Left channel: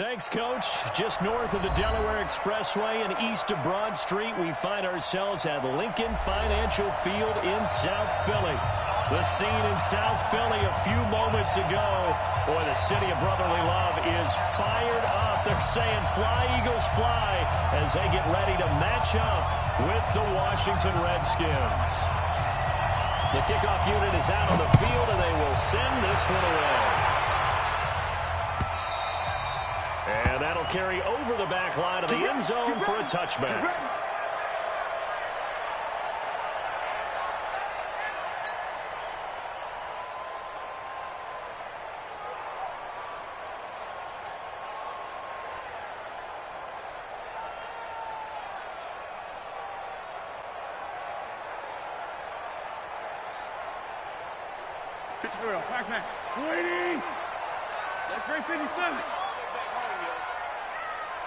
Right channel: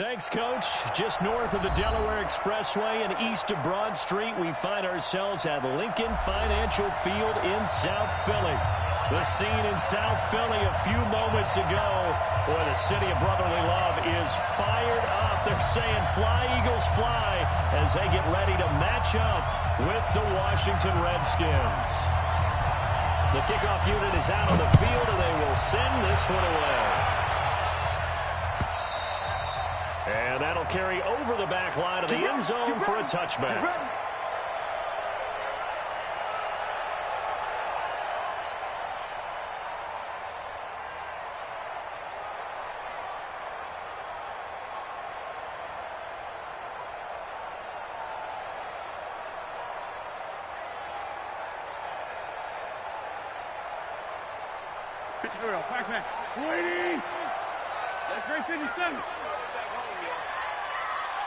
Thanks, Coach. Just north of the Delaware Expressway and east of Broad Street, we find ourselves at Lincoln Financial Field in South Philly. The scene in South Philly a few moments ago. Boy, the city of brotherly love is fired up. They're saying, "Fly, Eagles, fly," as they get ready to match up with the Washington Redskins. The kickoff unit is out on the field, and they will send this one away. And that'll carry over the back line of the end zone for a touchback. Back. Waiting. That's great 57.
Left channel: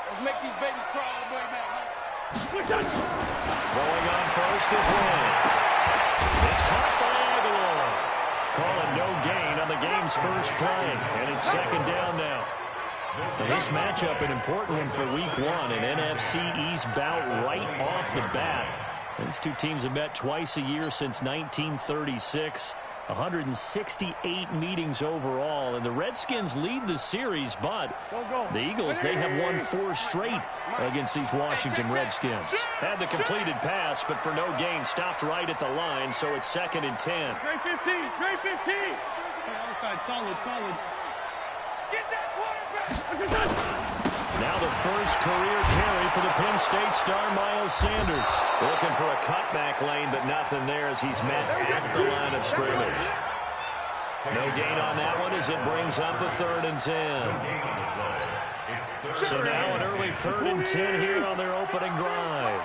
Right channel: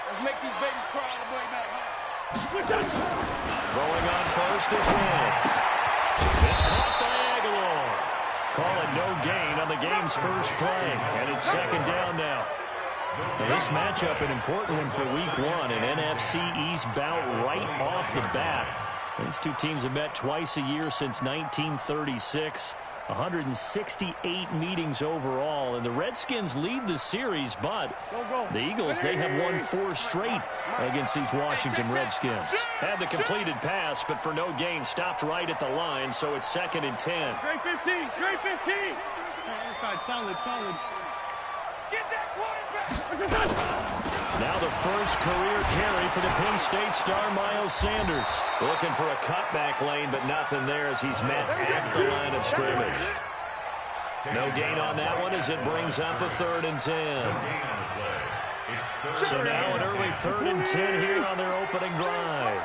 Let's make these babies cry all the way back home. Throwing on first is Wentz. It's caught by Aguilar. Calling no gain on the game's first play. And it's second down now. Now this matchup, an important one for week one. An NFC East bout right off the bat. These two teams have met twice a year since 1936. 168 meetings overall, and the Redskins lead the series, but the Eagles, they have won 4 straight against these Washington Redskins. Had the completed pass, but for no gain, stopped right at the line, so it's 2nd and 10. Great 15, great 15. Hey, other side, solid. Get that quarterback. Now the first career carry for the Penn State star Miles Sanders. Looking for a cutback lane, but nothing there as he's met at the line of scrimmage. No gain on that one as it brings up a 3rd and 10. So now an early 3rd and 10 here on their opening drive.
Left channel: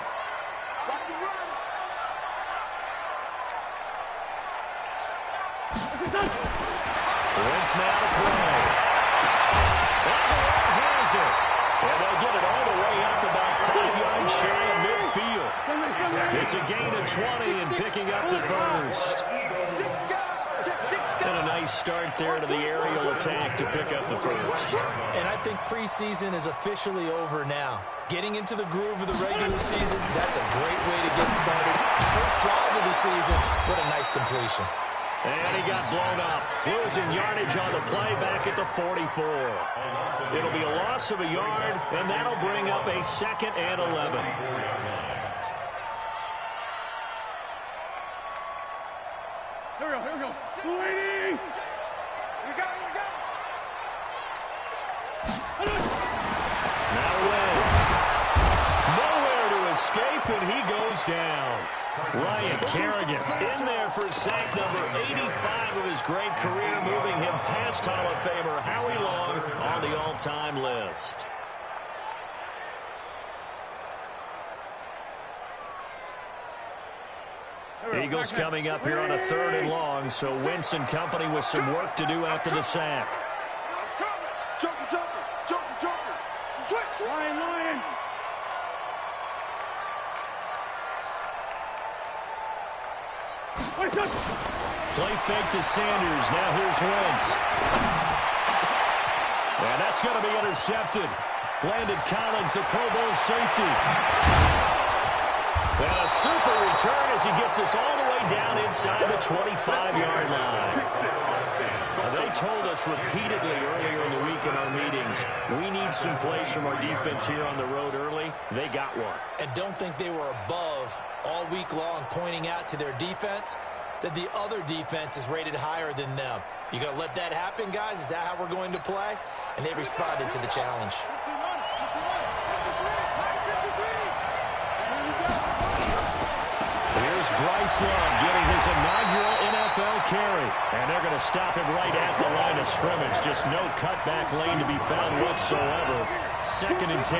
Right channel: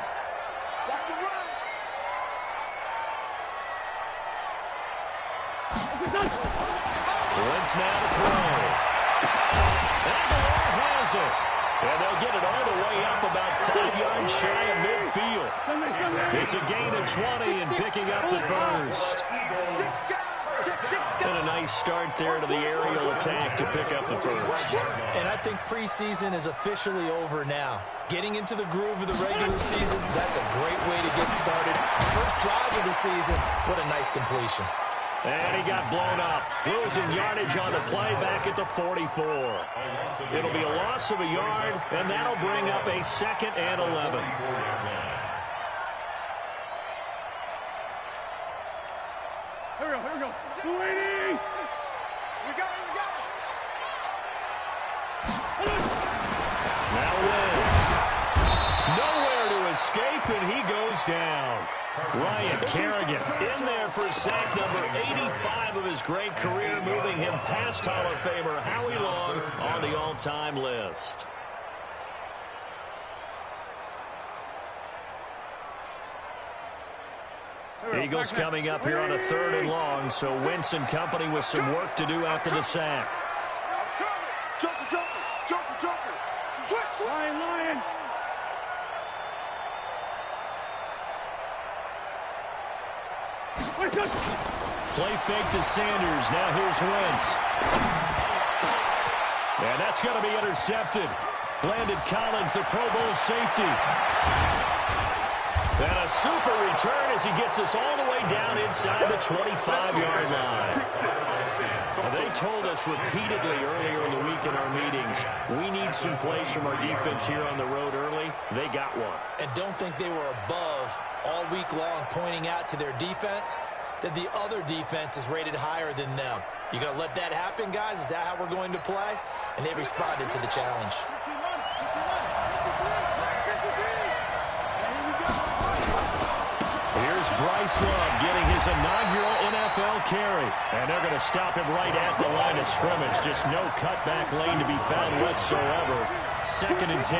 Wentz now to throw. Aguilar has it. And they'll get it all the way up about 5 yards shy of midfield. It's a gain of 20 and picking up the first. And a nice start there to the aerial attack to pick up the first. And I think preseason is officially over now. Getting into the groove of the regular season, that's a great way to get started. First drive of the season, what a nice completion. And he got blown up, losing yardage on the play back at the 44. It'll be a loss of a yard, and that'll bring up a 2nd and 11. Here we go. Waiting. Here we go. Now Wentz. Nowhere to escape, and he goes down. Ryan Kerrigan in there for sack number 85 of his great career, moving him past Hall of Famer Howie Long on the all-time list. Eagles coming up here on a 3rd and long, so Wentz and company with some work to do after the sack. Joker. Switch. Lion. Play fake to Sanders. Now here's Wentz. And that's going to be intercepted. Landon Collins, the Pro Bowl safety. And a super return as he gets us all the way down inside the 25-yard line. Now, they told us repeatedly earlier in the week in our meetings, we need some plays from our defense here on the road early. They got one. And don't think they were above all week long pointing out to their defense that the other defense is rated higher than them. You going to let that happen, guys? Is that how we're going to play? And they responded to the challenge. Here's Bryce Love getting his inaugural NFL carry. And they're going to stop him right at the line of scrimmage. Just no cutback lane to be found whatsoever. 2nd and 10.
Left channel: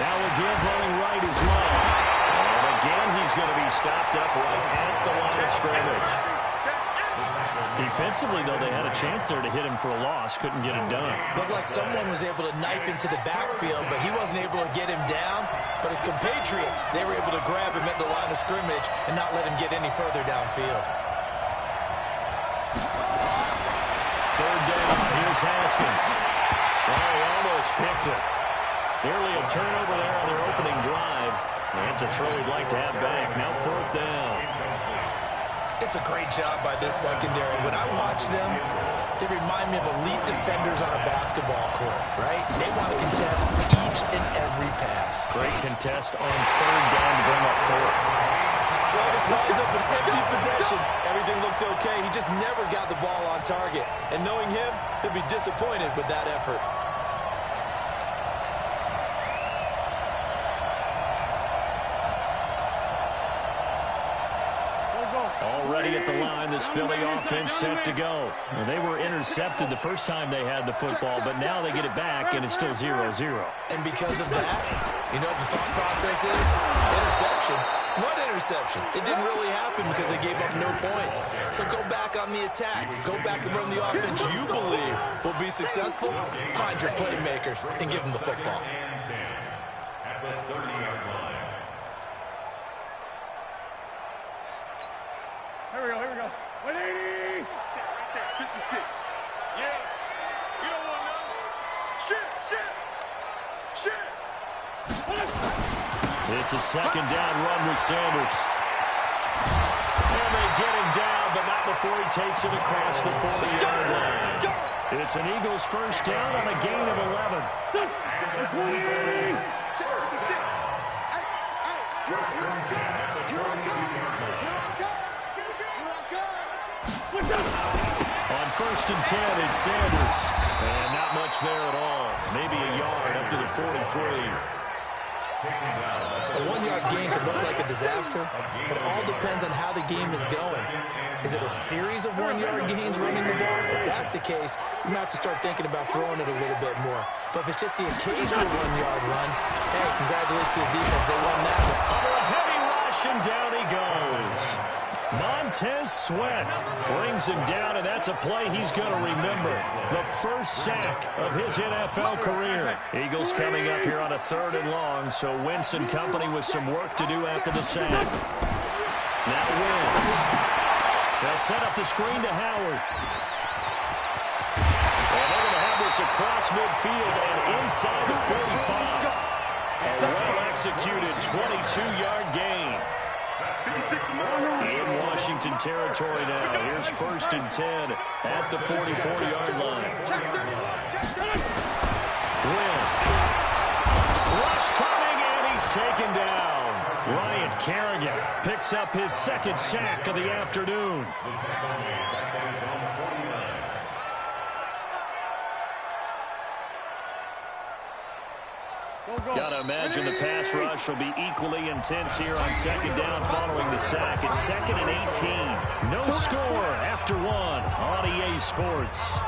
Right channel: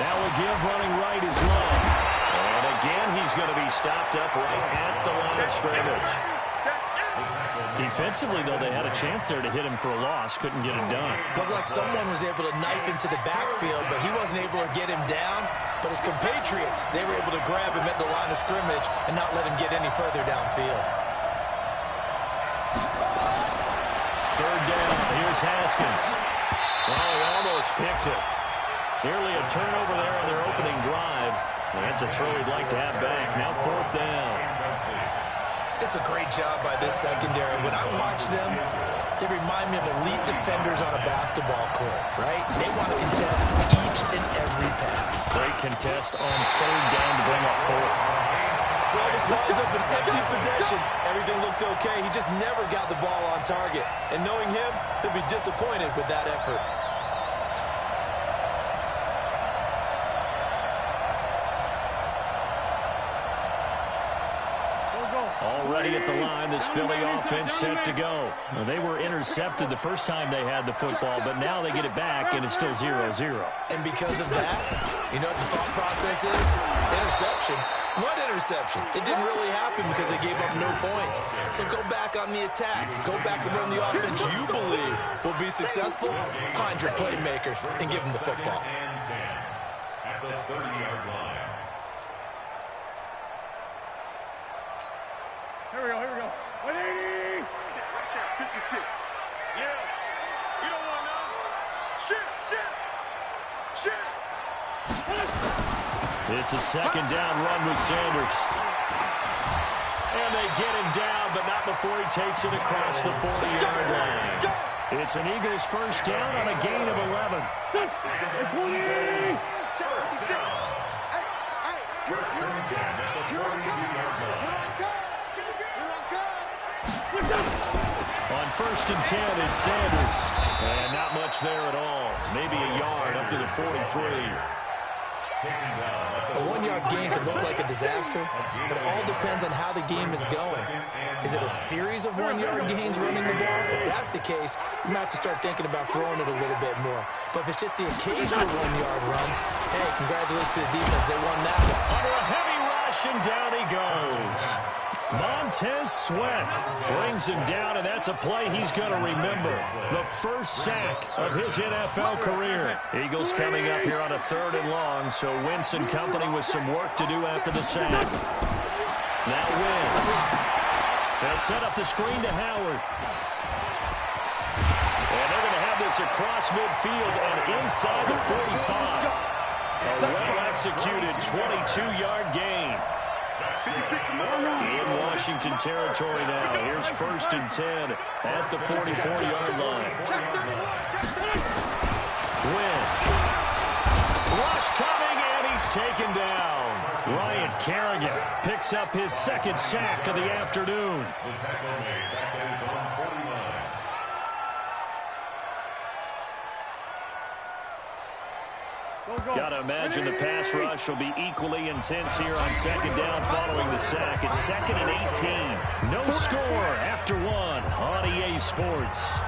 Now again, running right is Love. And again, he's going to be stopped up right at the line of scrimmage. Defensively, though, they had a chance there to hit him for a loss. Couldn't get it done. Looked like someone was able to knife into the backfield, but he wasn't able to get him down. But his compatriots, they were able to grab him at the line of scrimmage and not let him get any further downfield. Third down. Here's Haskins. Oh, he almost picked it. Nearly a turnover there on their opening drive. And that's a throw he'd like to have back. Now fourth down. It's a great job by this secondary. When I watch them, they remind me of elite defenders on a basketball court, right? They want to contest each and every pass. Great contest on third down to bring up fourth. Well, this winds up an empty possession. Everything looked okay. He just never got the ball on target. And knowing him, he'll be disappointed with that effort. Already at the line, this Philly offense set to go. Well, they were intercepted the first time they had the football, but now they get it back, and it's still 0-0. And because of that, you know what the thought process is? Interception. What interception? It didn't really happen because they gave up no points. So go back on the attack. Go back and run the offense you believe will be successful. Find your playmakers and give them the football. At the 30-yard line. Here we go, here we go. 180! Right there, 56. Yeah. You don't want none. Shit. It's a second down run with Sanders. And they get him down, but not before he takes it across the 40-yard line. It's an Eagles first down on a gain of 11. It's 180! On first and 10, it's Sanders. And not much there at all. Maybe a yard up to the 43. A one-yard gain could look like a disaster, but it all depends on how the game is going. Is it a series of one-yard gains running the ball? If that's the case, you might have to start thinking about throwing it a little bit more. But if it's just the occasional one-yard run, hey, congratulations to the defense. They won that one. Under a heavy rush, and down he goes. Montez Sweat brings him down, and that's a play he's going to remember. The first sack of his NFL career. Eagles coming up here on a 3rd and long, so Wentz and company with some work to do after the sack. Now Wentz. They'll set up the screen to Howard. And they're going to have this across midfield and inside the 45. A well-executed 22-yard gain. In Washington territory now. Here's first and 10 at the 44-yard line. Wentz. Rush coming, and he's taken down. Ryan Kerrigan picks up his second sack of the afternoon. The tackle made back at his own 49. Gotta imagine the pass rush will be equally intense here on second down following the sack. It's 2nd and 18. No score after one on EA Sports.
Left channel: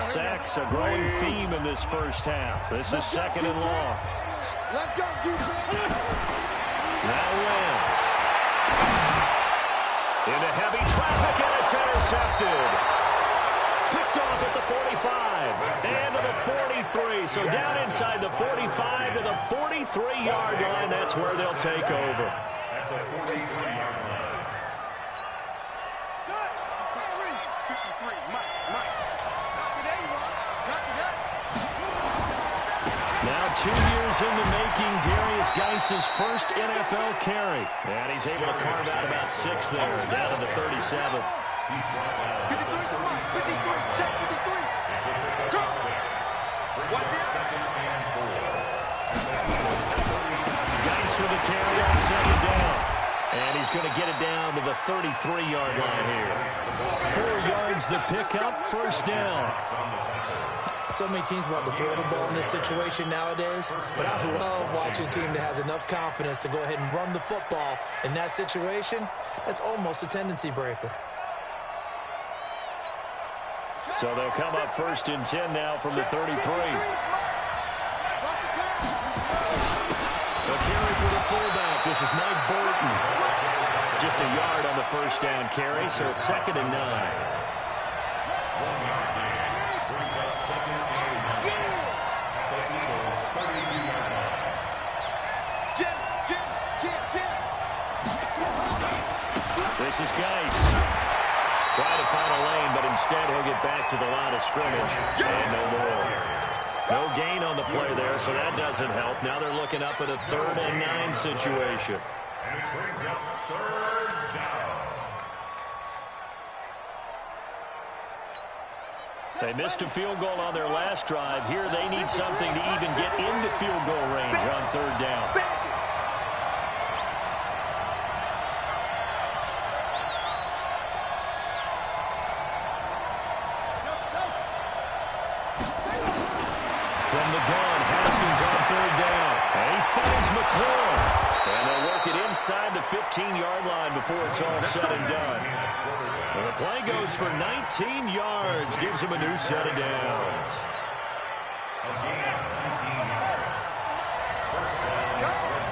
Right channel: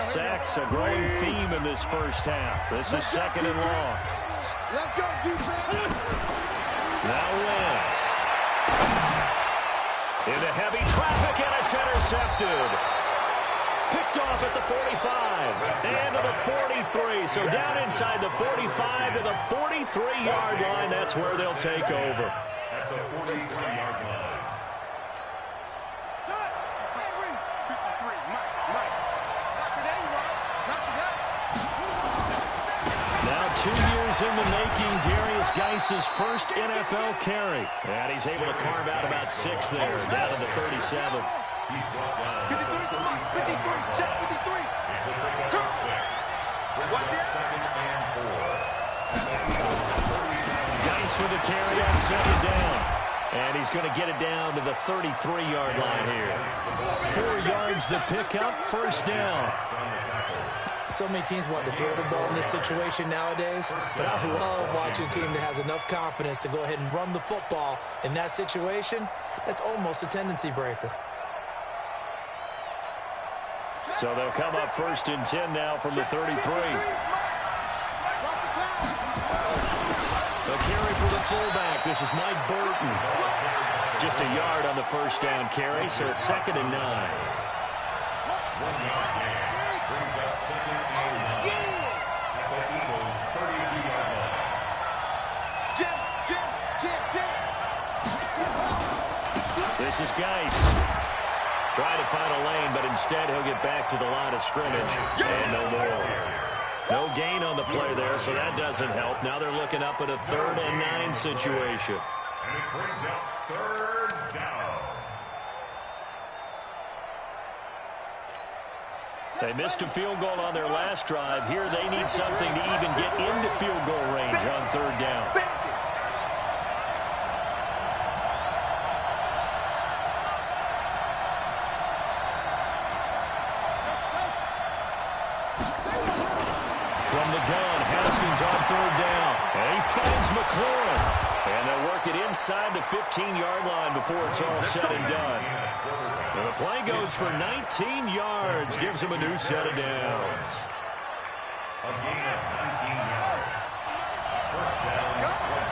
Sacks a growing theme in this first half. This is 2nd and long. Let's go, defense. Now Wentz. Into heavy traffic, and it's intercepted. Picked off at the 45 and to the 43. So down inside the 45 to the 43-yard line. That's where they'll take over. At the 43-yard line. 53, Mike. Not today, you are. Not today. Now 2 years in the making, Darius Geis's first NFL carry. And he's able to carve out about 6 there, down to the 37. He's brought down 53, come on, 53, check 53. It's a pickup of 6. Brings up 2nd and 4. Geis with a carry on second down. And he's going to get it down to the 33-yard line here. 4 yards the pickup, first down. So many teams want to throw the ball in this situation nowadays, but I love watching a team that has enough confidence to go ahead and run the football in that situation. That's almost a tendency breaker. So they'll come up first and 10 now from the 33. A carry for the fullback. This is Mike Burton. Just a yard on the first down carry, so it's 2nd and 9. This is Geis. Trying to find a lane, but instead he'll get back to the line of scrimmage. And no more. No gain on the play there, so that doesn't help. Now they're looking up at a 3rd and 9 situation. And it brings up 3rd down. They missed a field goal on their last drive. Here they need something to even get into field goal range on 3rd down. From the gun, Haskins on 3rd down. And he finds McLaurin. And they'll work it inside the 15-yard line before it's all said and done. And the play goes for 19 yards. Gives him a new set of downs. A gain of 19 yards. First down.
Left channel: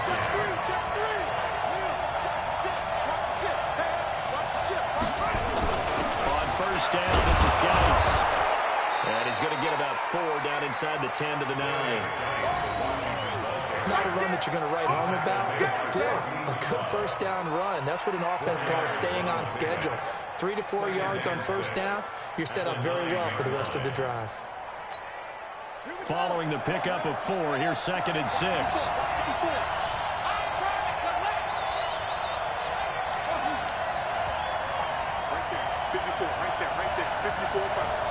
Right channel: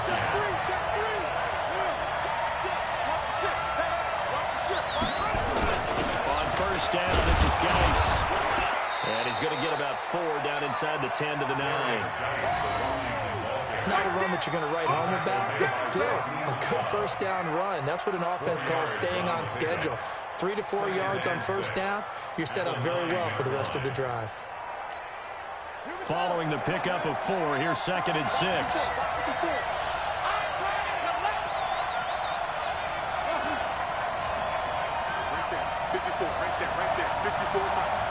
Check three. Will, watch the ship. Hey, watch the ship. On 1st down, this is Geis. And he's going to get about 4 down inside the 10 to the 9. Not a run that you're going to write home about, but still a good 1st down run. That's what an offense calls staying on schedule. 3 to 4 yards on 1st down, you're set up very well for the rest of the drive. Following the pickup of 4, here's 2nd and 6. Right there. 54 miles.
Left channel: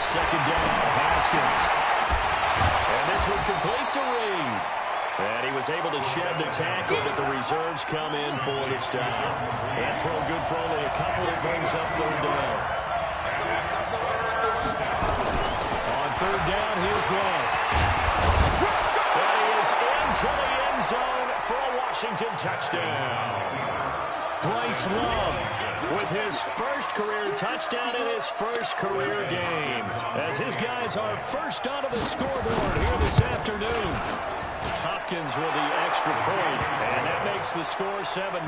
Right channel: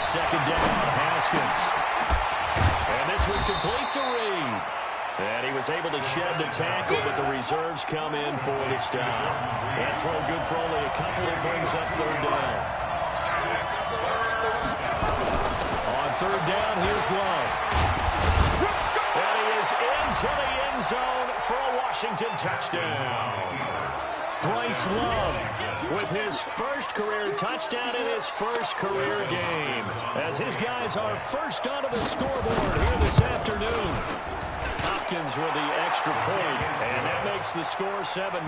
2nd down, Haskins. And this one complete to Reed. And he was able to shed the tackle, but the reserves come in for the stop. That throw good for only a couple. It brings up 3rd down. On 3rd down, here's Love. And he is into the end zone for a Washington touchdown. Bryce Love with his first career touchdown in his first career game, as his guys are first onto the scoreboard here this afternoon. Hopkins with the extra point, and that makes the score 7-0.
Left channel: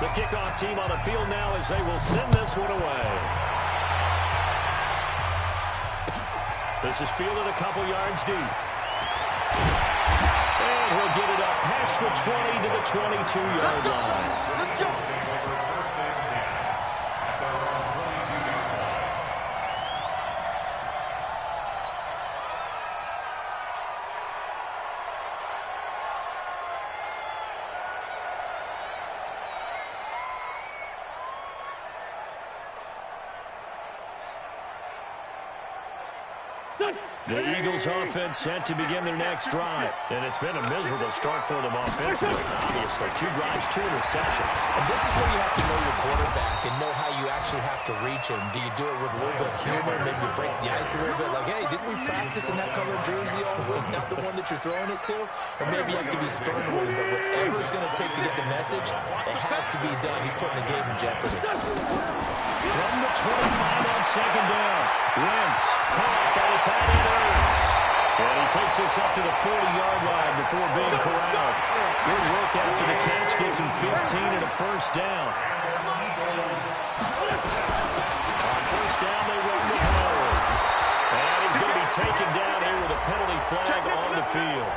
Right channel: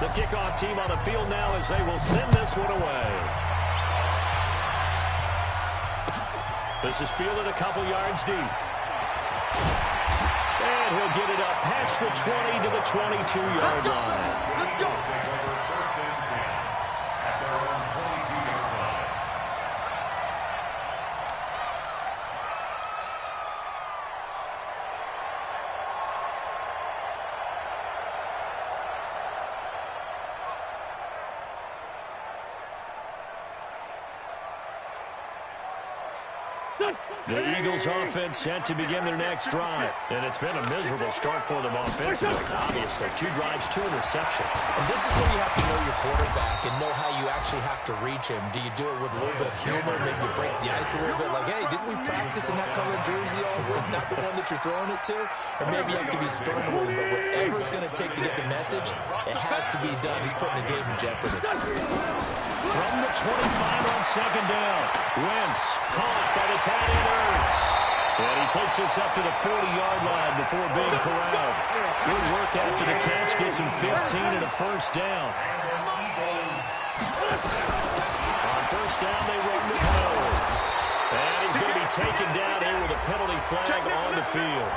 The kickoff team on the field now as they will send this one away. This is fielded a couple yards deep. And he'll get it up past the 20 to the 22-yard line. Let's go. First and 10 at their own 22-yard line. The Eagles offense set to begin their next drive. And it's been a miserable start for them offensively. Obviously, 2 drives, 2 interceptions. And this is where you have to know your quarterback and know how you actually have to reach him. Do you do it with a little bit of humor? Maybe you break the ice a little bit. Like, hey, didn't we practice in that colored jersey all week? Not the one that you're throwing it to? Or maybe you have to be stern with him. But whatever it's going to take to get the message, it has to be done. He's putting the game in jeopardy. From the 25 on 2nd down. Wentz caught by the tight end Ertz. And he takes us up to the 40-yard line before being corralled. Good work after the catch. Gets him 15 and a 1st down. On 1st down, they run the power. And he's going to be taken down here with a penalty flag on the field.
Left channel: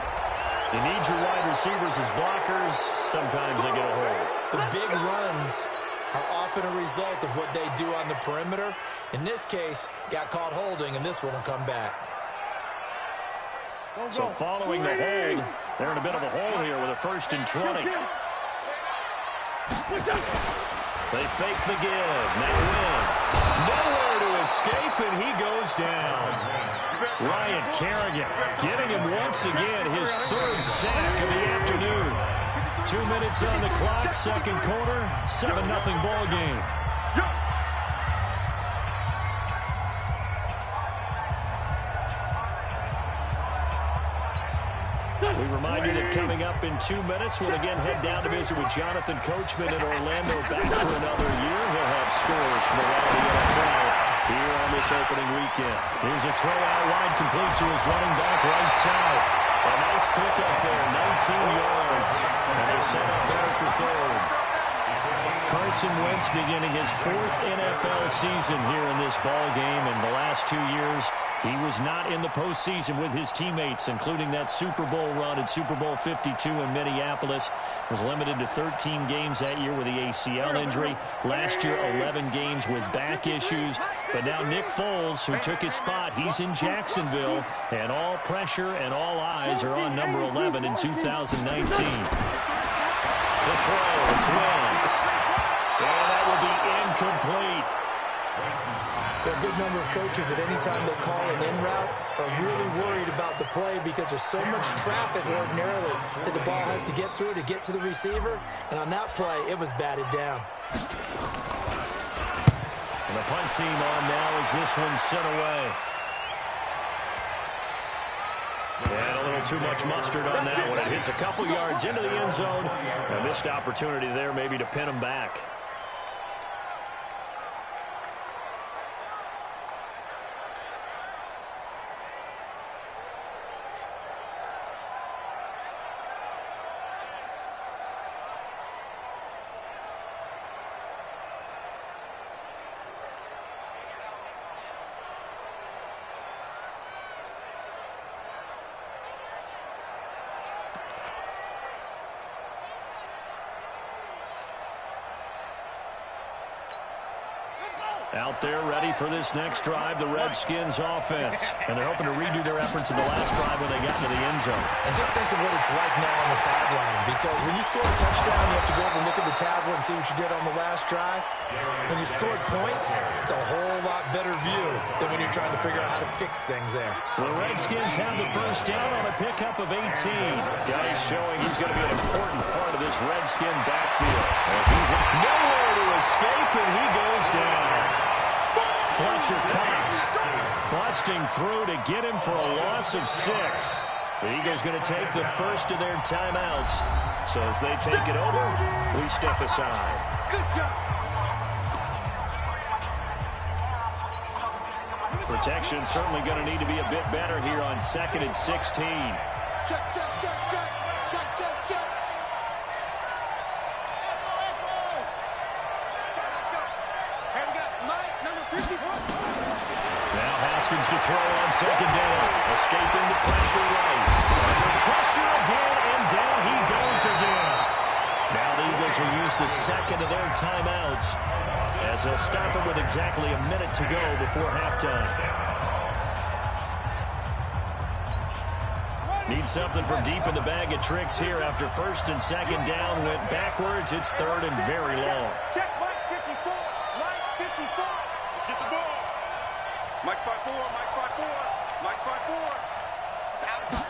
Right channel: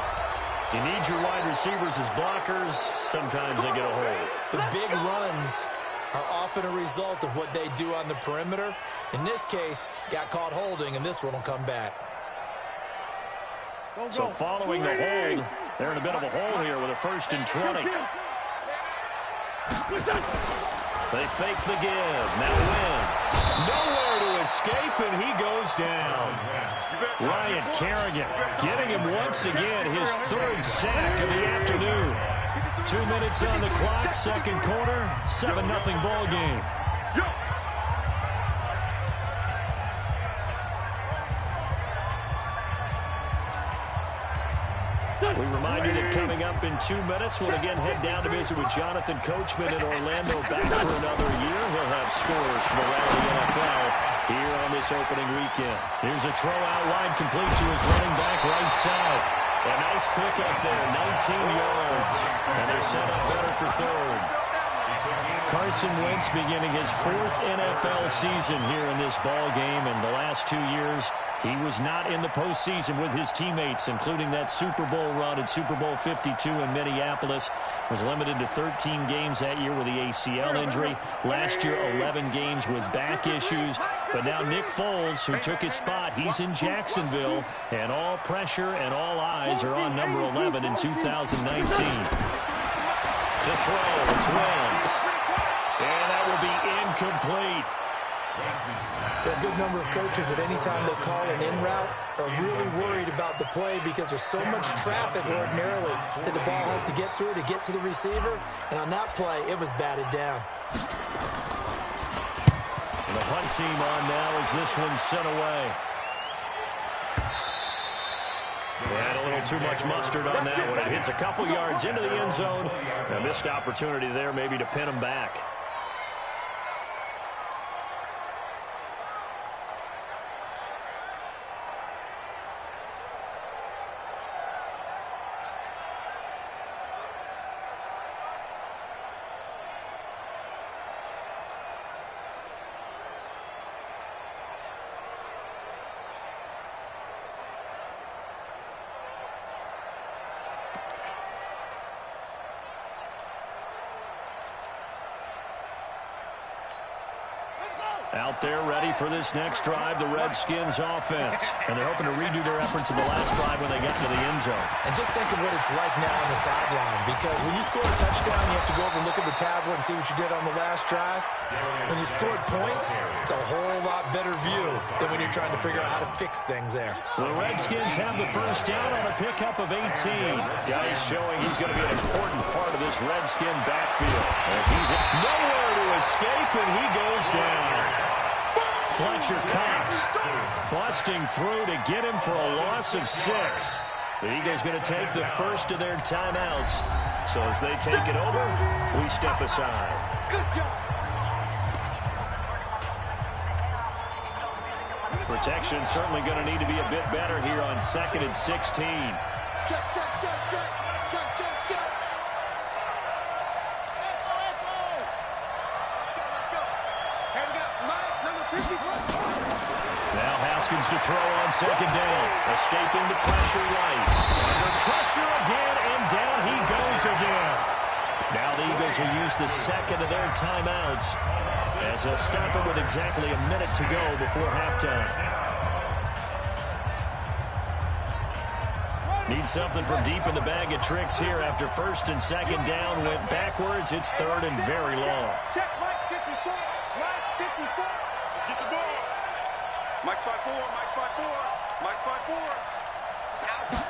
You need your wide receivers as blockers. Sometimes they get a hold. The big runs are often a result of what they do on the perimeter. In this case, got caught holding, and this one will come back. So following the hold, they're in a bit of a hole here with a 1st and 20. They fake the give. Now Wentz. Nowhere to escape, and he goes down. Ryan Kerrigan getting him once again his 3rd sack of the afternoon. 2 minutes on the clock, 2nd quarter, 7-0 ball game. We remind you that coming up in 2 minutes, we'll again head down to visit with Jonathan Coachman in Orlando, back for another year. He'll have scores from around the NFL here on this opening weekend. Here's a throw out wide, complete to his running back right side. A nice pick up there, 19 yards. And they're set up better for 3rd. Carson Wentz beginning his 4th NFL season here in this ball game. In the last 2 years, He was not in the postseason with his teammates, including that Super Bowl run at Super Bowl 52 in Minneapolis. Was limited to 13 games that year with the ACL injury. Last year, 11 games with back issues. But now Nick Foles, who took his spot, he's in Jacksonville. And all pressure and all eyes are on number 11 in 2019. To throw, it's Wentz. And that will be incomplete. There are a good number of coaches that any time they call an in route are really worried about the play because there's so much traffic ordinarily that the ball has to get through to get to the receiver. And on that play, it was batted down. And the punt team on now as this one's sent away. And a little too much mustard on that one. It hits a couple yards into the end zone. A missed opportunity there maybe to pin them back. Out there ready for this next drive, the Redskins offense. And they're hoping to redo their efforts in the last drive when they got into the end zone. And just think of what it's like now on the sideline. Because when you score a touchdown, you have to go over and look at the tablet and see what you did on the last drive. When you scored points, it's a whole lot better view than when you're trying to figure out how to fix things there. The Redskins have the first down on a pickup of 18. Guys showing he's going to be an important part of this Redskin backfield. As he's nowhere to escape, and he goes down. Fletcher Cox busting through to get him for a loss of 6. The Eagles going to take the first of their timeouts. So as they take it over, we step aside. Good job. Protection certainly going to need to be a bit better here on 2nd and 16. Check, check, check, check. Check, check, check. Let's go. Here we got Mike, number 50. Now Haskins to throw on 2nd down. Escaping the pressure right. Under pressure again, and down he goes again. Now the Eagles will use the second of their timeouts as they'll stop it with exactly a minute to go before halftime. Need something from deep in the bag of tricks here after 1st and 2nd down. Went backwards. It's 3rd and very long. Check Mike 54. Mike 54. Get the ball. Mike's 5-4. Mike's 5-4. Mike's 5-4. It's our time.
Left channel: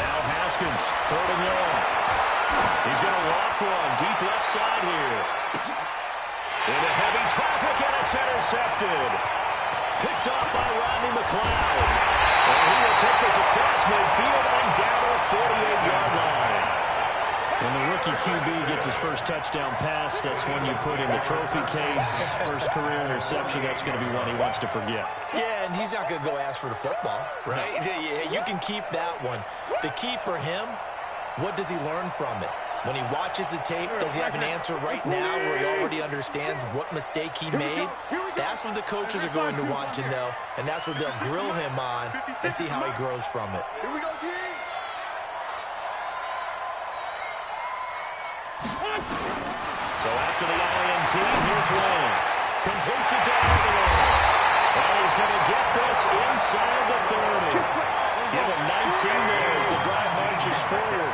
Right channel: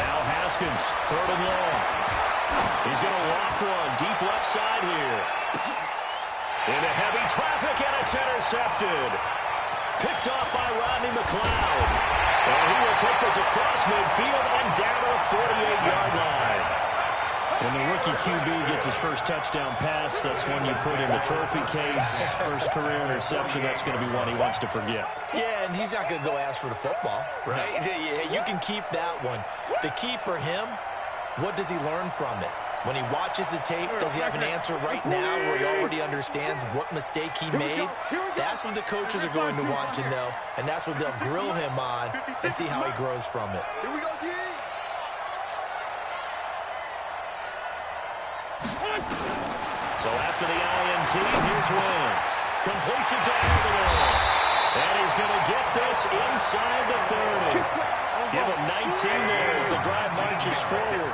Now Haskins, 3rd and long. He's going to loft one deep left side here. Into heavy traffic, and it's intercepted. Picked off by Rodney McLeod. And he will take this across midfield and down to the 48-yard line. When the rookie QB gets his first touchdown pass, that's one you put in the trophy case. First career interception, that's going to be one he wants to forget. Yeah, and he's not going to go ask for the football, right? Yeah, you can keep that one. The key for him, what does he learn from it? When he watches the tape, does he have an answer right now where he already understands what mistake he made? That's what the coaches are going to want to know, and that's what they'll grill him on and see how he grows from it. Here we go, G. So after the INT, here's Wentz. Completes it to Aguilar. And he's going to get this inside the 30. Give him 19 there as the drive marches forward.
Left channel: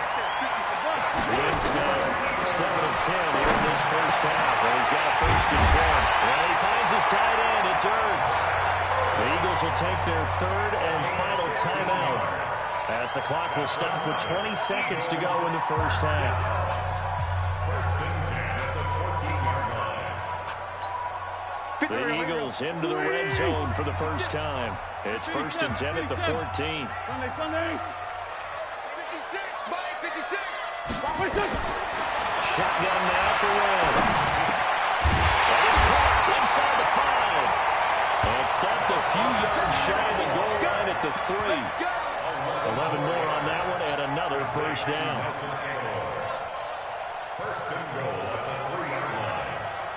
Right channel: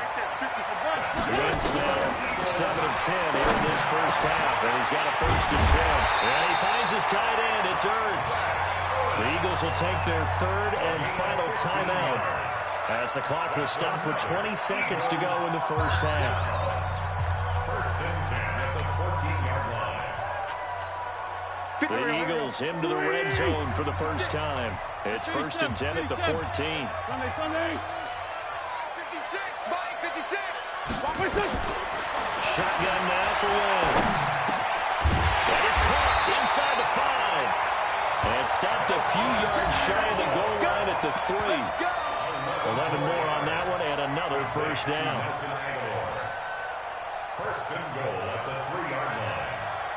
Wentz now 7 of 10 here in this first half, and he's got a 1st and 10. And he finds his tight end. It's Ertz. The Eagles will take their 3rd and final timeout as the clock will stop with 20 seconds to go in the first half. 1st and 10 at the 14-yard line. The Eagles into the red zone for the first time. It's 1st and 10 at the 14. Sunday. 56, Mike, 56. Shotgun now for Wentz. That is caught inside the 5. And stopped a few yards shy of the goal line at the 3. 11 more on that one, and another first down. 1st and goal at the 3-yard line.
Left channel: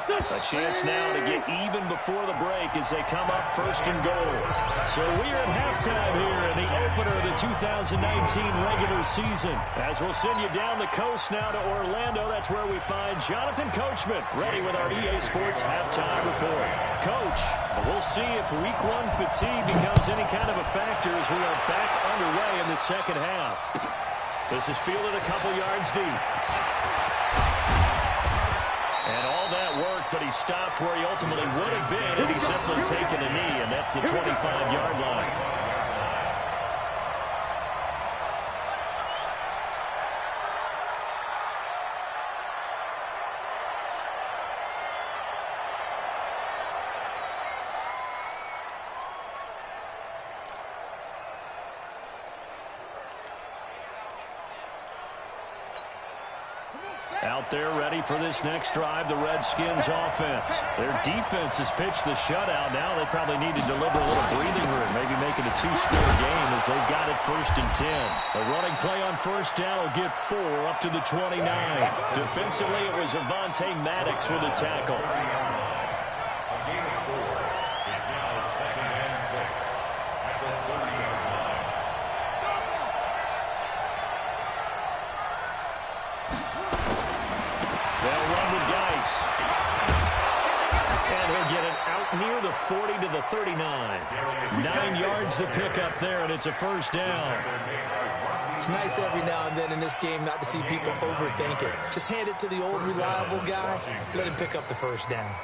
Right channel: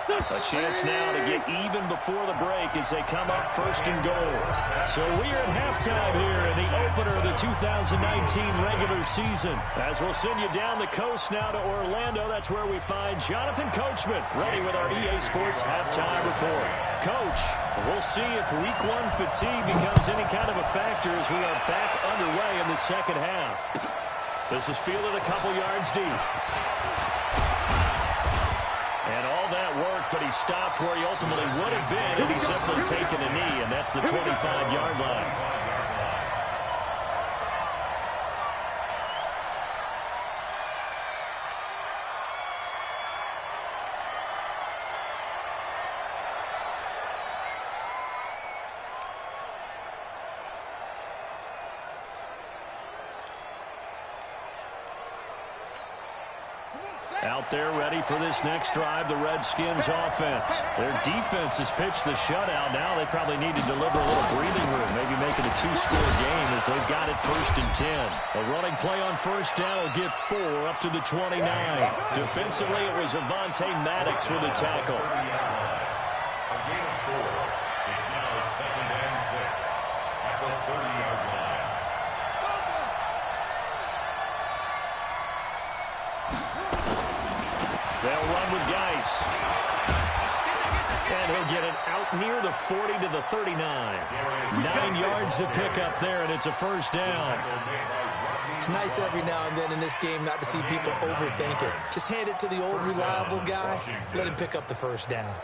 A chance now to get even before the break as they come up first and goal. So we are at halftime here in the opener of the 2019 regular season. As we'll send you down the coast now to Orlando, that's where we find Jonathan Coachman ready with our EA Sports halftime report. Coach, we'll see if week one fatigue becomes any kind of a factor as we are back underway in the second half. This is fielded a couple yards deep. And all that worked, but he stopped where he ultimately would have been had he simply taken a knee, and that's the 25-yard line. Out there ready for this next drive, the Redskins offense. Their defense has pitched the shutout. Now they probably need to deliver a little breathing room, maybe make it a two-score game as they've got it 1st and 10. A running play on first down will get 4 up to the 29. Defensively, it was Avonte Maddox with a tackle. A gain of 4. It's now 2nd and 6 at the 30-yard line. They'll run with Geis. And he'll get it out near the 40 to the 39. 9 yards to pick up there, and it's a first down. It's nice every now and then in this game not to see people overthink it. Just hand it to the old reliable guy. Let him pick up the first down.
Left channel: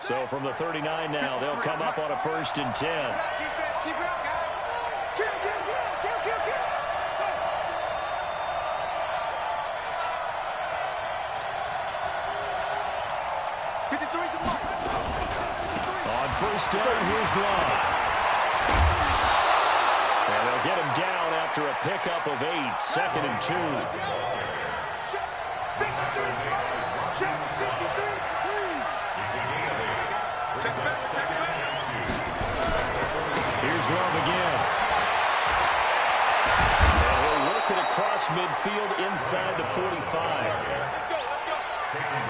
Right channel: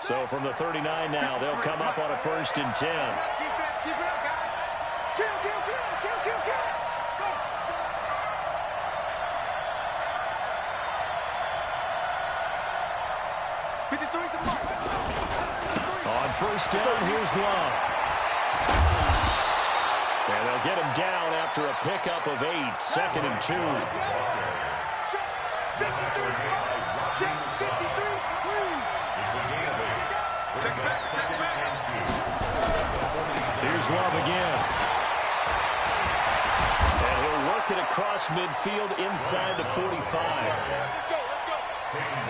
So from the 39 now, they'll come up on a 1st and 10. Defense, keep it up, guys. Kill, kill, kill, kill, kill, kill. Go. 53's the mark. On first down, here's Love. And they'll get him down after a pickup of 8, 2nd and 2. Check 53, check 53, please. It's a gain of 8. Check it back, check it back. Here's Love again. And he'll work it across midfield inside the 45.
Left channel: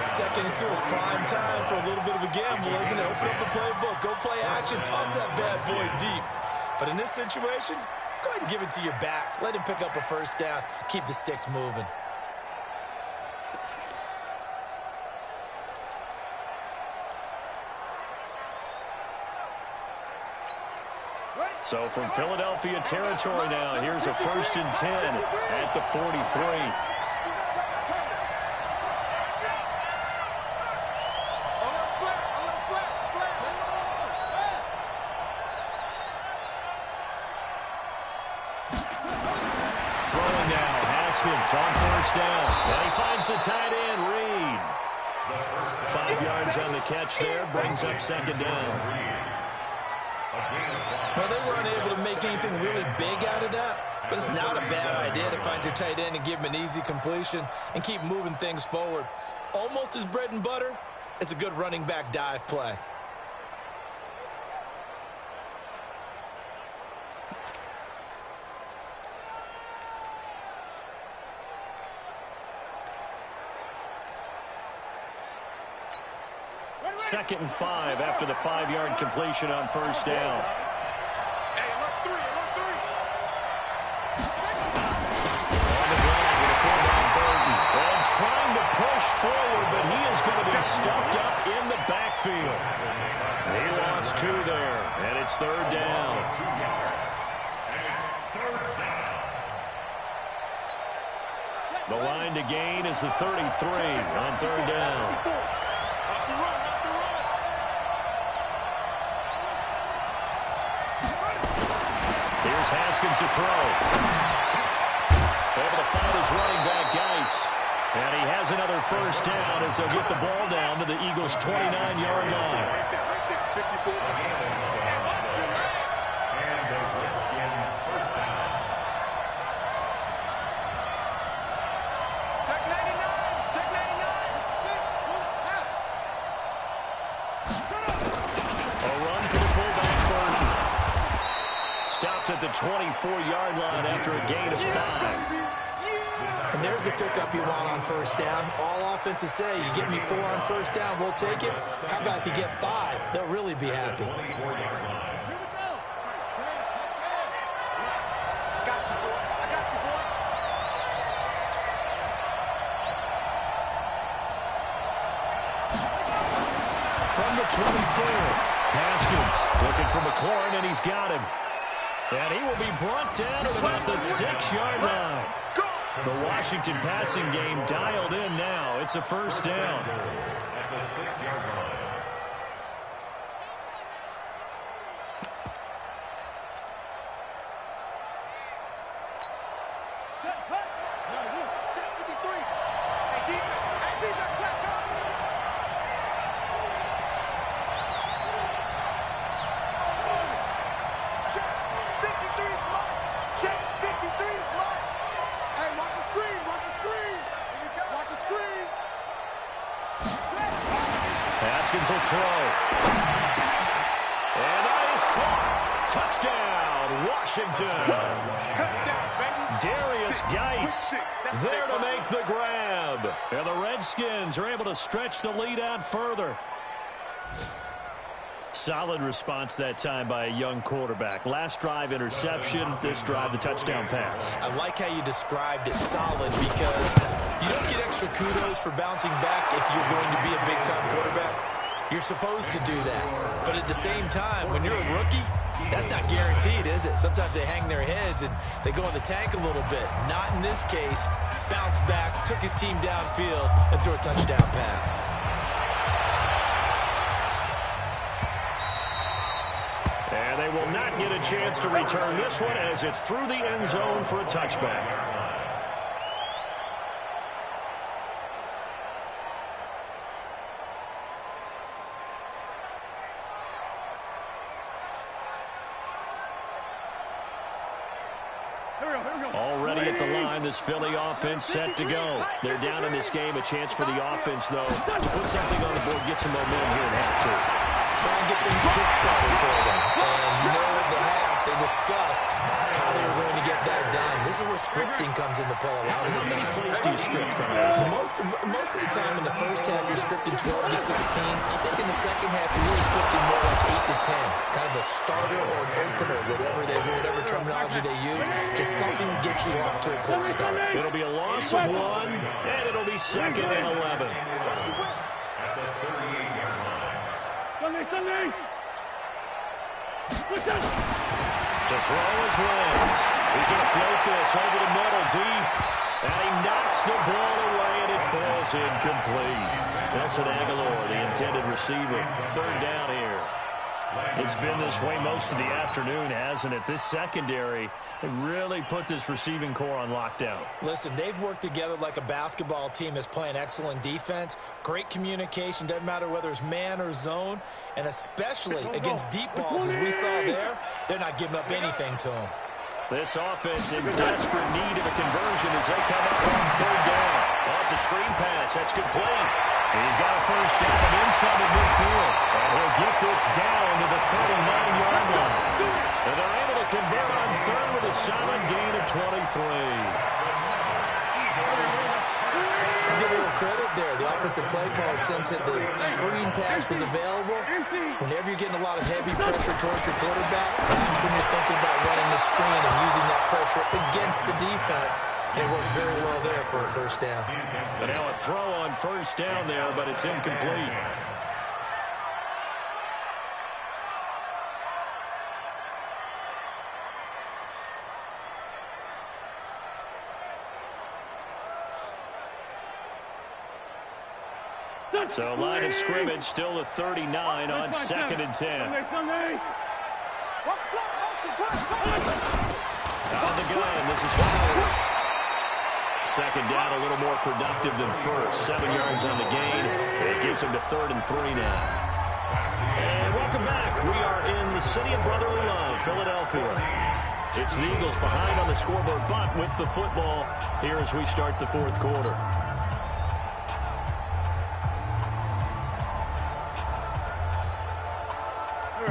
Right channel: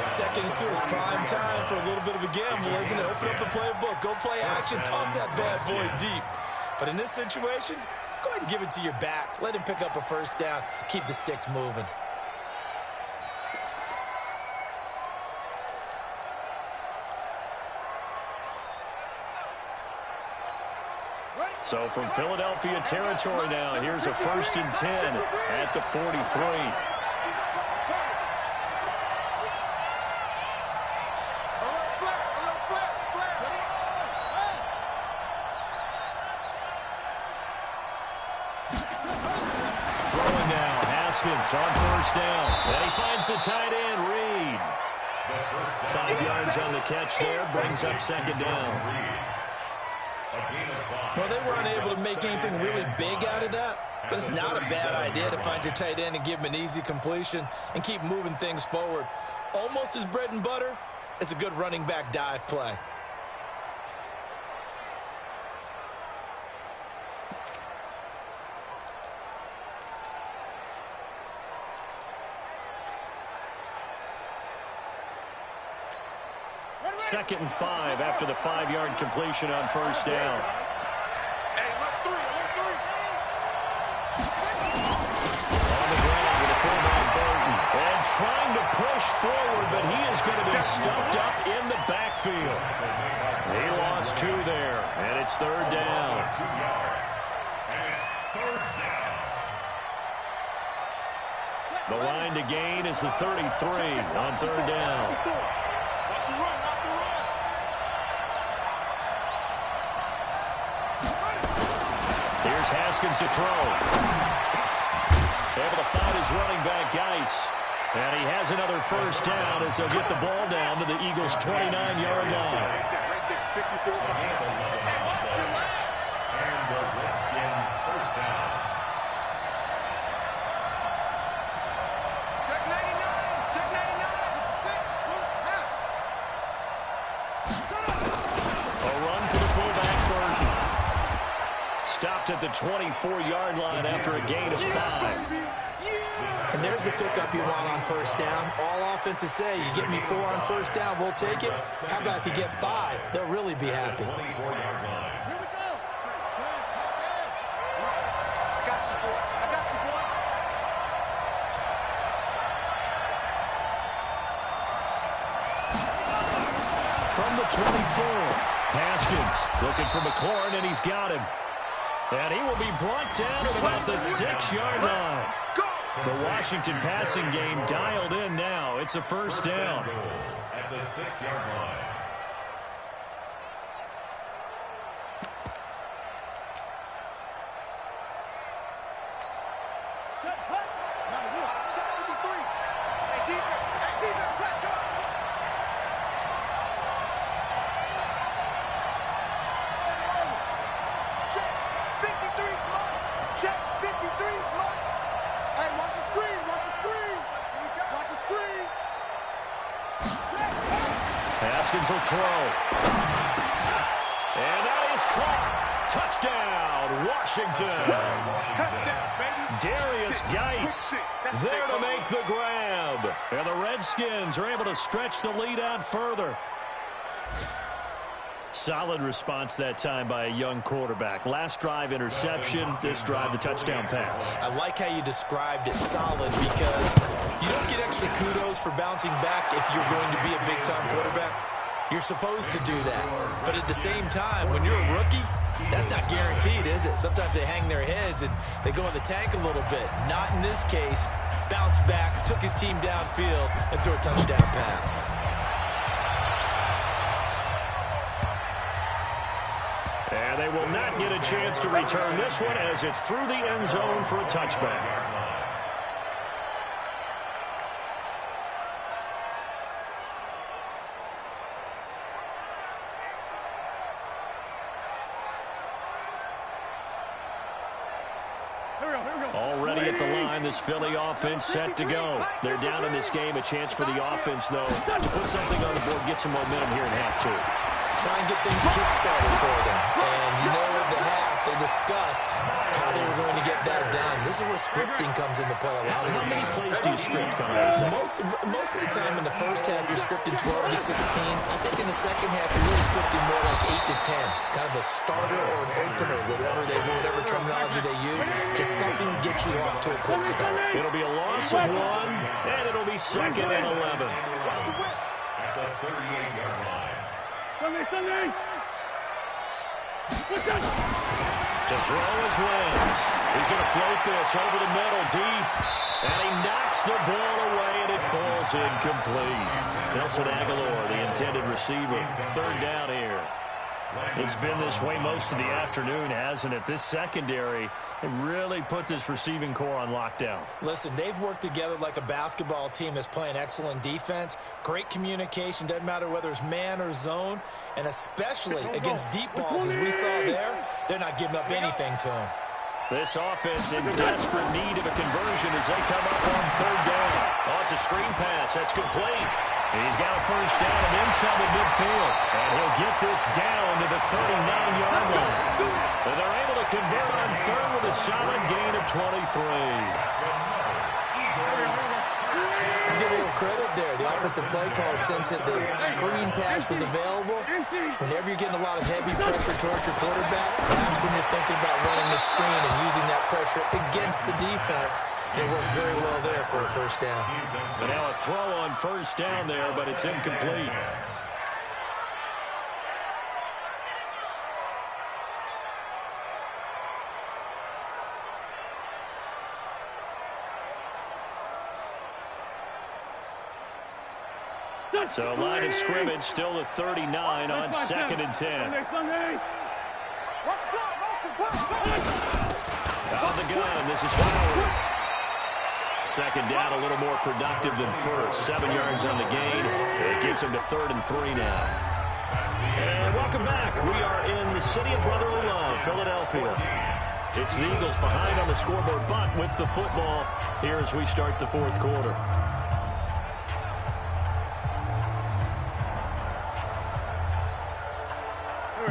Second and 2 is prime time for a little bit of a gamble, isn't it? Open up the playbook, go play action, toss that bad boy deep. But in this situation, go ahead and give it to your back. Let him pick up a first down. Keep the sticks moving. So from Philadelphia territory now, here's a 1st and 10 at the 43. Throwing now, Haskins on first down. And he finds the tight end, Reed. 5 yards on the catch there, brings up 2nd down. Well, they were unable to make anything really big out of that, but it's not a bad idea to find your tight end and give him an easy completion and keep moving things forward. Almost as bread and butter as a good running back dive play. Second and 5 after the 5-yard completion on first down. Hey, alert 3, alert 3. On the ground with a fullback Burton. And trying to push forward, but he is going to be stuffed up in the backfield. He lost 2 there, and it's 3rd down. And it's 3rd down. The line to gain is the 33 on 3rd down. Watch the run, watch the run. Here's Haskins to throw. Able to find his running back, Geis. And he has another first down as they'll get the ball down to the Eagles' 29-yard line. Right there, 54. And the Redskin first down. Check 99, check 99. 6, half. A run for the fullback, Burton. stopped at the 24-yard line after a gain of 5. And there's the pickup you want on first down. All offenses say, you get me 4 on first down, we'll take it. How about if you get 5? They'll really be happy. 24-yard line. Here we go. I got you, boy. I got you, boy. From the 24, Haskins looking for McLaurin, and he's got him. And he will be brought down at about the 6-yard line. The Washington passing game dialed in now. It's a first down. At the 6-yard line. Set, hut. Now, look. Check 53. Hey, defense, let's go. Check 53's mine. Check 53's mine. Hey, watch the screen. Watch the screen. Watch the screen. Set, hut. Haskins will throw. And that is caught. Touchdown, Washington. Touchdown, baby. Darius Geis there to make the grab. And the Redskins are able to stretch the lead out further. Solid response that time by a young quarterback. Last drive, interception. This drive, the touchdown pass. I like how you described it, solid, because you don't get extra kudos for bouncing back if you're going to be a big-time quarterback. You're supposed to do that. But at the same time, when you're a rookie, that's not guaranteed, is it? Sometimes they hang their heads and they go in the tank a little bit. Not in this case. Bounced back, took his team downfield, and threw a touchdown pass. And they will not get a chance to return this one as it's through the end zone for a touchback. Already at the line, this Philly offense set to go. They're down in this game. A chance for the offense, though, to put something on the board, get some momentum here in half 2. Try and get things kick-started for them. And you know, at the half, they discussed how they were going to get that done. This is where scripting comes into play a lot of the time. How many plays do you script coming out of this? Most of the time in the first half, you're scripted 12 to 16. I think in the second half, you're really scripting more like 8 to 10. Kind of a starter or an opener, whatever terminology they use. Just something to get you off to a quick start. It'll be a loss of 1, and it'll be 2nd and 11. At the 38-yard line. Sunday. What's up? To throw is Wentz. He's going to float this over the middle deep. And he knocks the ball away, and it falls incomplete. Nelson Aguilar, the intended receiver. 3rd down here. It's been this way most of the afternoon, hasn't it? This secondary really put this receiving core on lockdown. Listen, they've worked together like a basketball team that's playing excellent defense. Great communication, doesn't matter whether it's man or zone. And especially against deep balls, as we saw there, they're not giving up anything to them. This offense in desperate need of a conversion as they come up on 3rd down. Oh, it's a screen pass. That's complete. He's got a first down and inside the midfield. And he'll get this down to the 39-yard line. And they're able to convert on 3rd with a solid gain of 23. Let's give a little credit there. The offensive play caller sensed that the screen pass was available. Whenever you're getting a lot of heavy pressure towards your quarterback, that's when you're thinking about running the screen and using that pressure against the defense. And it worked very well there for a first down. But now a throw on first down there, but it's incomplete. So line of scrimmage still the 39 on 2nd and 10. Sunday. Watch the clock. Out of the gun, this is Howard. 2nd down, a little more productive than first. 7 yards on the gain. It gets him to 3rd and 3 now. And welcome back. We are in the city of brotherly love, Philadelphia. It's the Eagles behind on the scoreboard, but with the football here as we start the 4th quarter.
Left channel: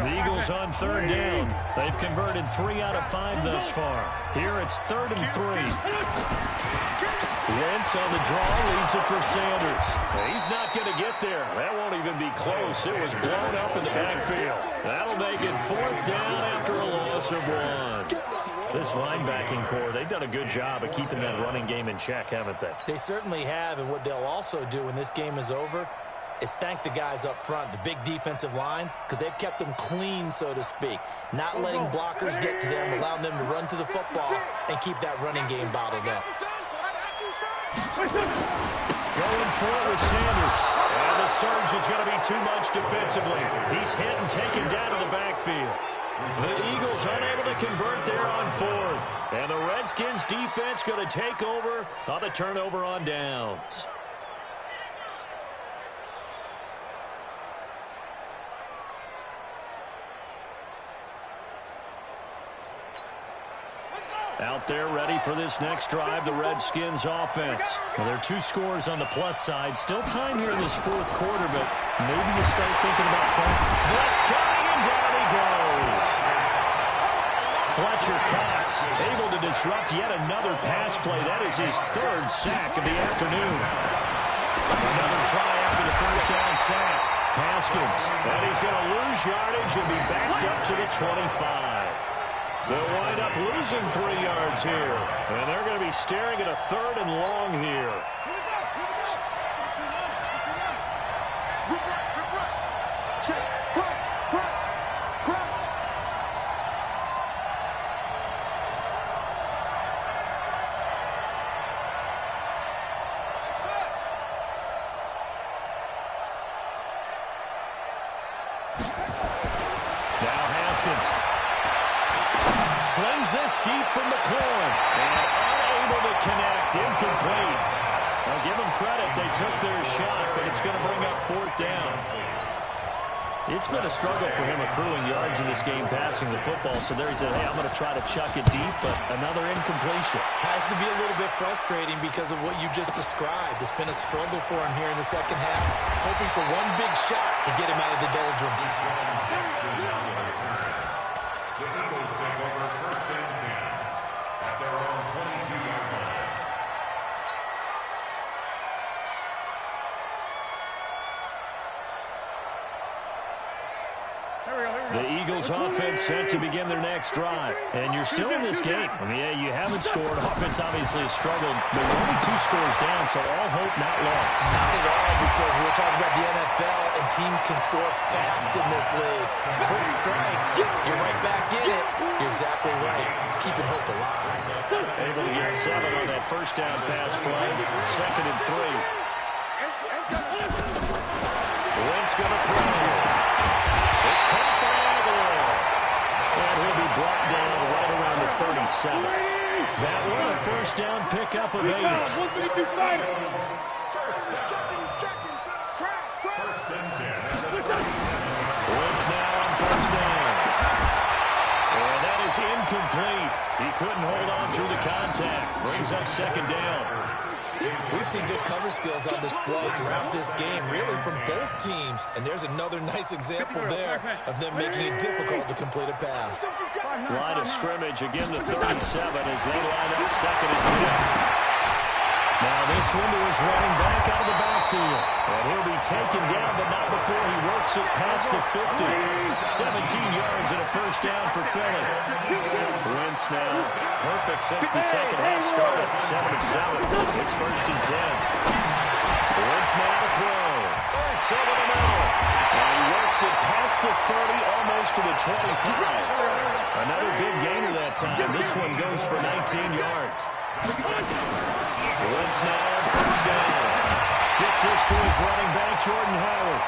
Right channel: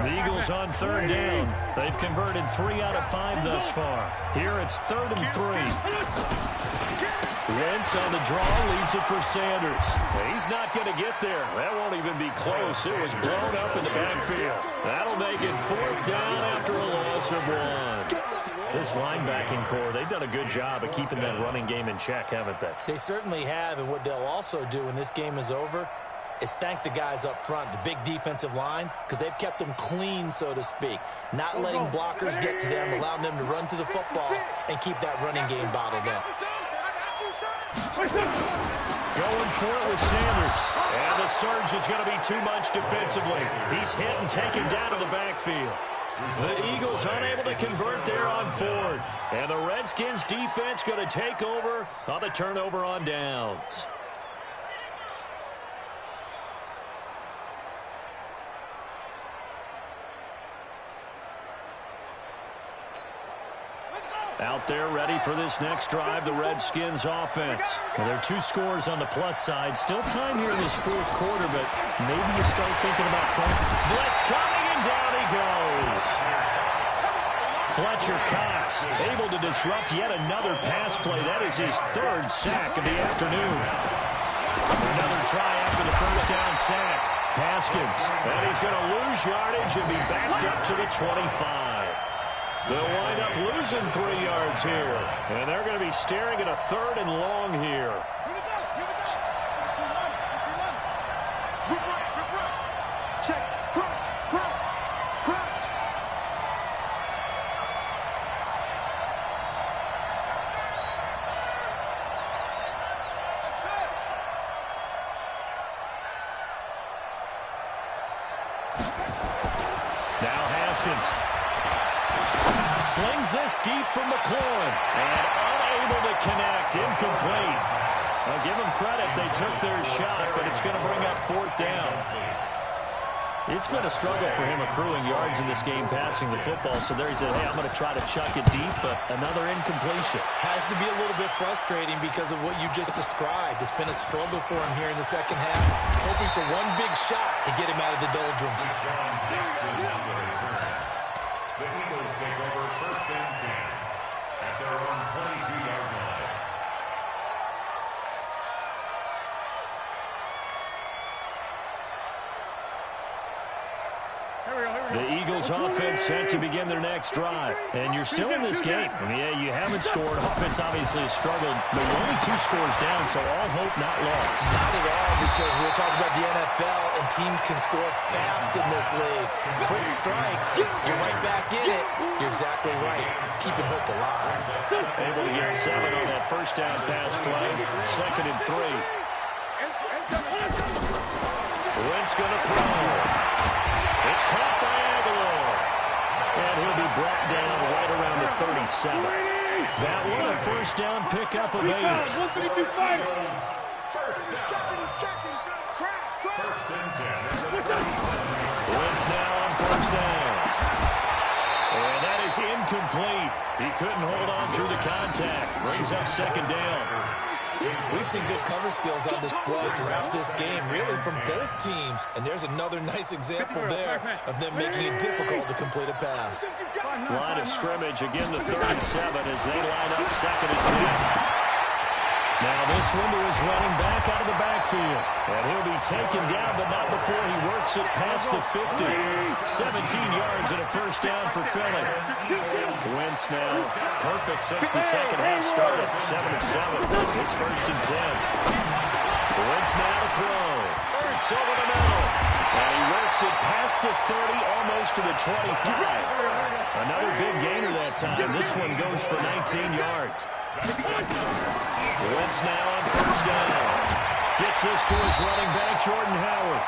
The Eagles on third down. They've converted 3 out of 5 thus far. Here it's 3rd and 3. Wentz on the draw, leaves it for Sanders. He's not going to get there. That won't even be close. It was blown up in the backfield. That'll make it 4th down after a loss of 1. This linebacking core, they've done a good job of keeping that running game in check, haven't they? They certainly have, and what they'll also do when this game is over is thank the guys up front, the big defensive line, because they've kept them clean, so to speak, not letting blockers get to them, allowing them to run to the football and keep that running game bottled up. Going for it with Sanders. And the surge is going to be too much defensively. He's hit and taken down to the backfield. The Eagles unable to convert there on 4th. And the Redskins defense going to take over on the turnover on downs. Out there ready for this next drive, the Redskins offense. Well, there are 2 scores on the plus side. Still time here in this 4th quarter, but maybe you start thinking about playing. Blitz coming, and down he goes. Fletcher Cox able to disrupt yet another pass play. That is his 3rd sack of the afternoon. Another try after the first down sack. Haskins, and he's going to lose yardage and be backed up to the 25. They'll wind up losing 3 yards here. And they're going to be staring at a 3rd and long here. Here we go. Here we go. Rip right. Check. Crouch. Now Haskins slings this deep from McLaurin and unable to connect. Incomplete. I'll give them credit. They took their shot, but it's going to bring up 4th down. It's been a struggle for him accruing yards in this game passing the football. So there he said, hey, I'm going to try to chuck it deep, but another incompletion. Has to be a little bit frustrating because of what you just described. It's been a struggle for him here in the second half, hoping for one big shot to get him out of the doldrums. The Eagles take over 1st and 10 at their own 22-yard line. The Eagles offense set to begin their next drive. And you're still in this game. I mean, yeah, you haven't scored. Offense obviously has struggled. But you're only 2 scores down, so all hope not lost. Not at all, because we're talking about the NFL, and teams can score fast in this league. Quick strikes, you're right back in it. You're exactly right. Keeping hope alive. Able to get 7 on that first down pass play. 2nd and 3. Wentz going to throw. It's caught by Aguilar. And he'll be brought down right around the 37. That one a first down pickup of 8. 132 fighter. He's checking. Crash. 1st and 10 at the 37. Wentz now on first down. And that is incomplete. He couldn't hold on through the contact. Brings up 2nd down. We've seen good cover skills on display throughout this game, really from both teams. And there's another nice example there of them making it difficult to complete a pass. Line of scrimmage, again the 37 as they line up 2nd and 10. Now this window is running back out of the backfield. And he'll be taken down, but not before he works it past the 50. 17 yards and a first down for Philly. Wentz now perfect since the second half started. 7 of 7. It's 1st and 10. Wentz now to throw. Ertz over the middle. And he works it past the 30, almost to the 25. Another big gainer that time. This one goes for 19 yards. Wentz now on first down. Gets this to his running back, Jordan Howard.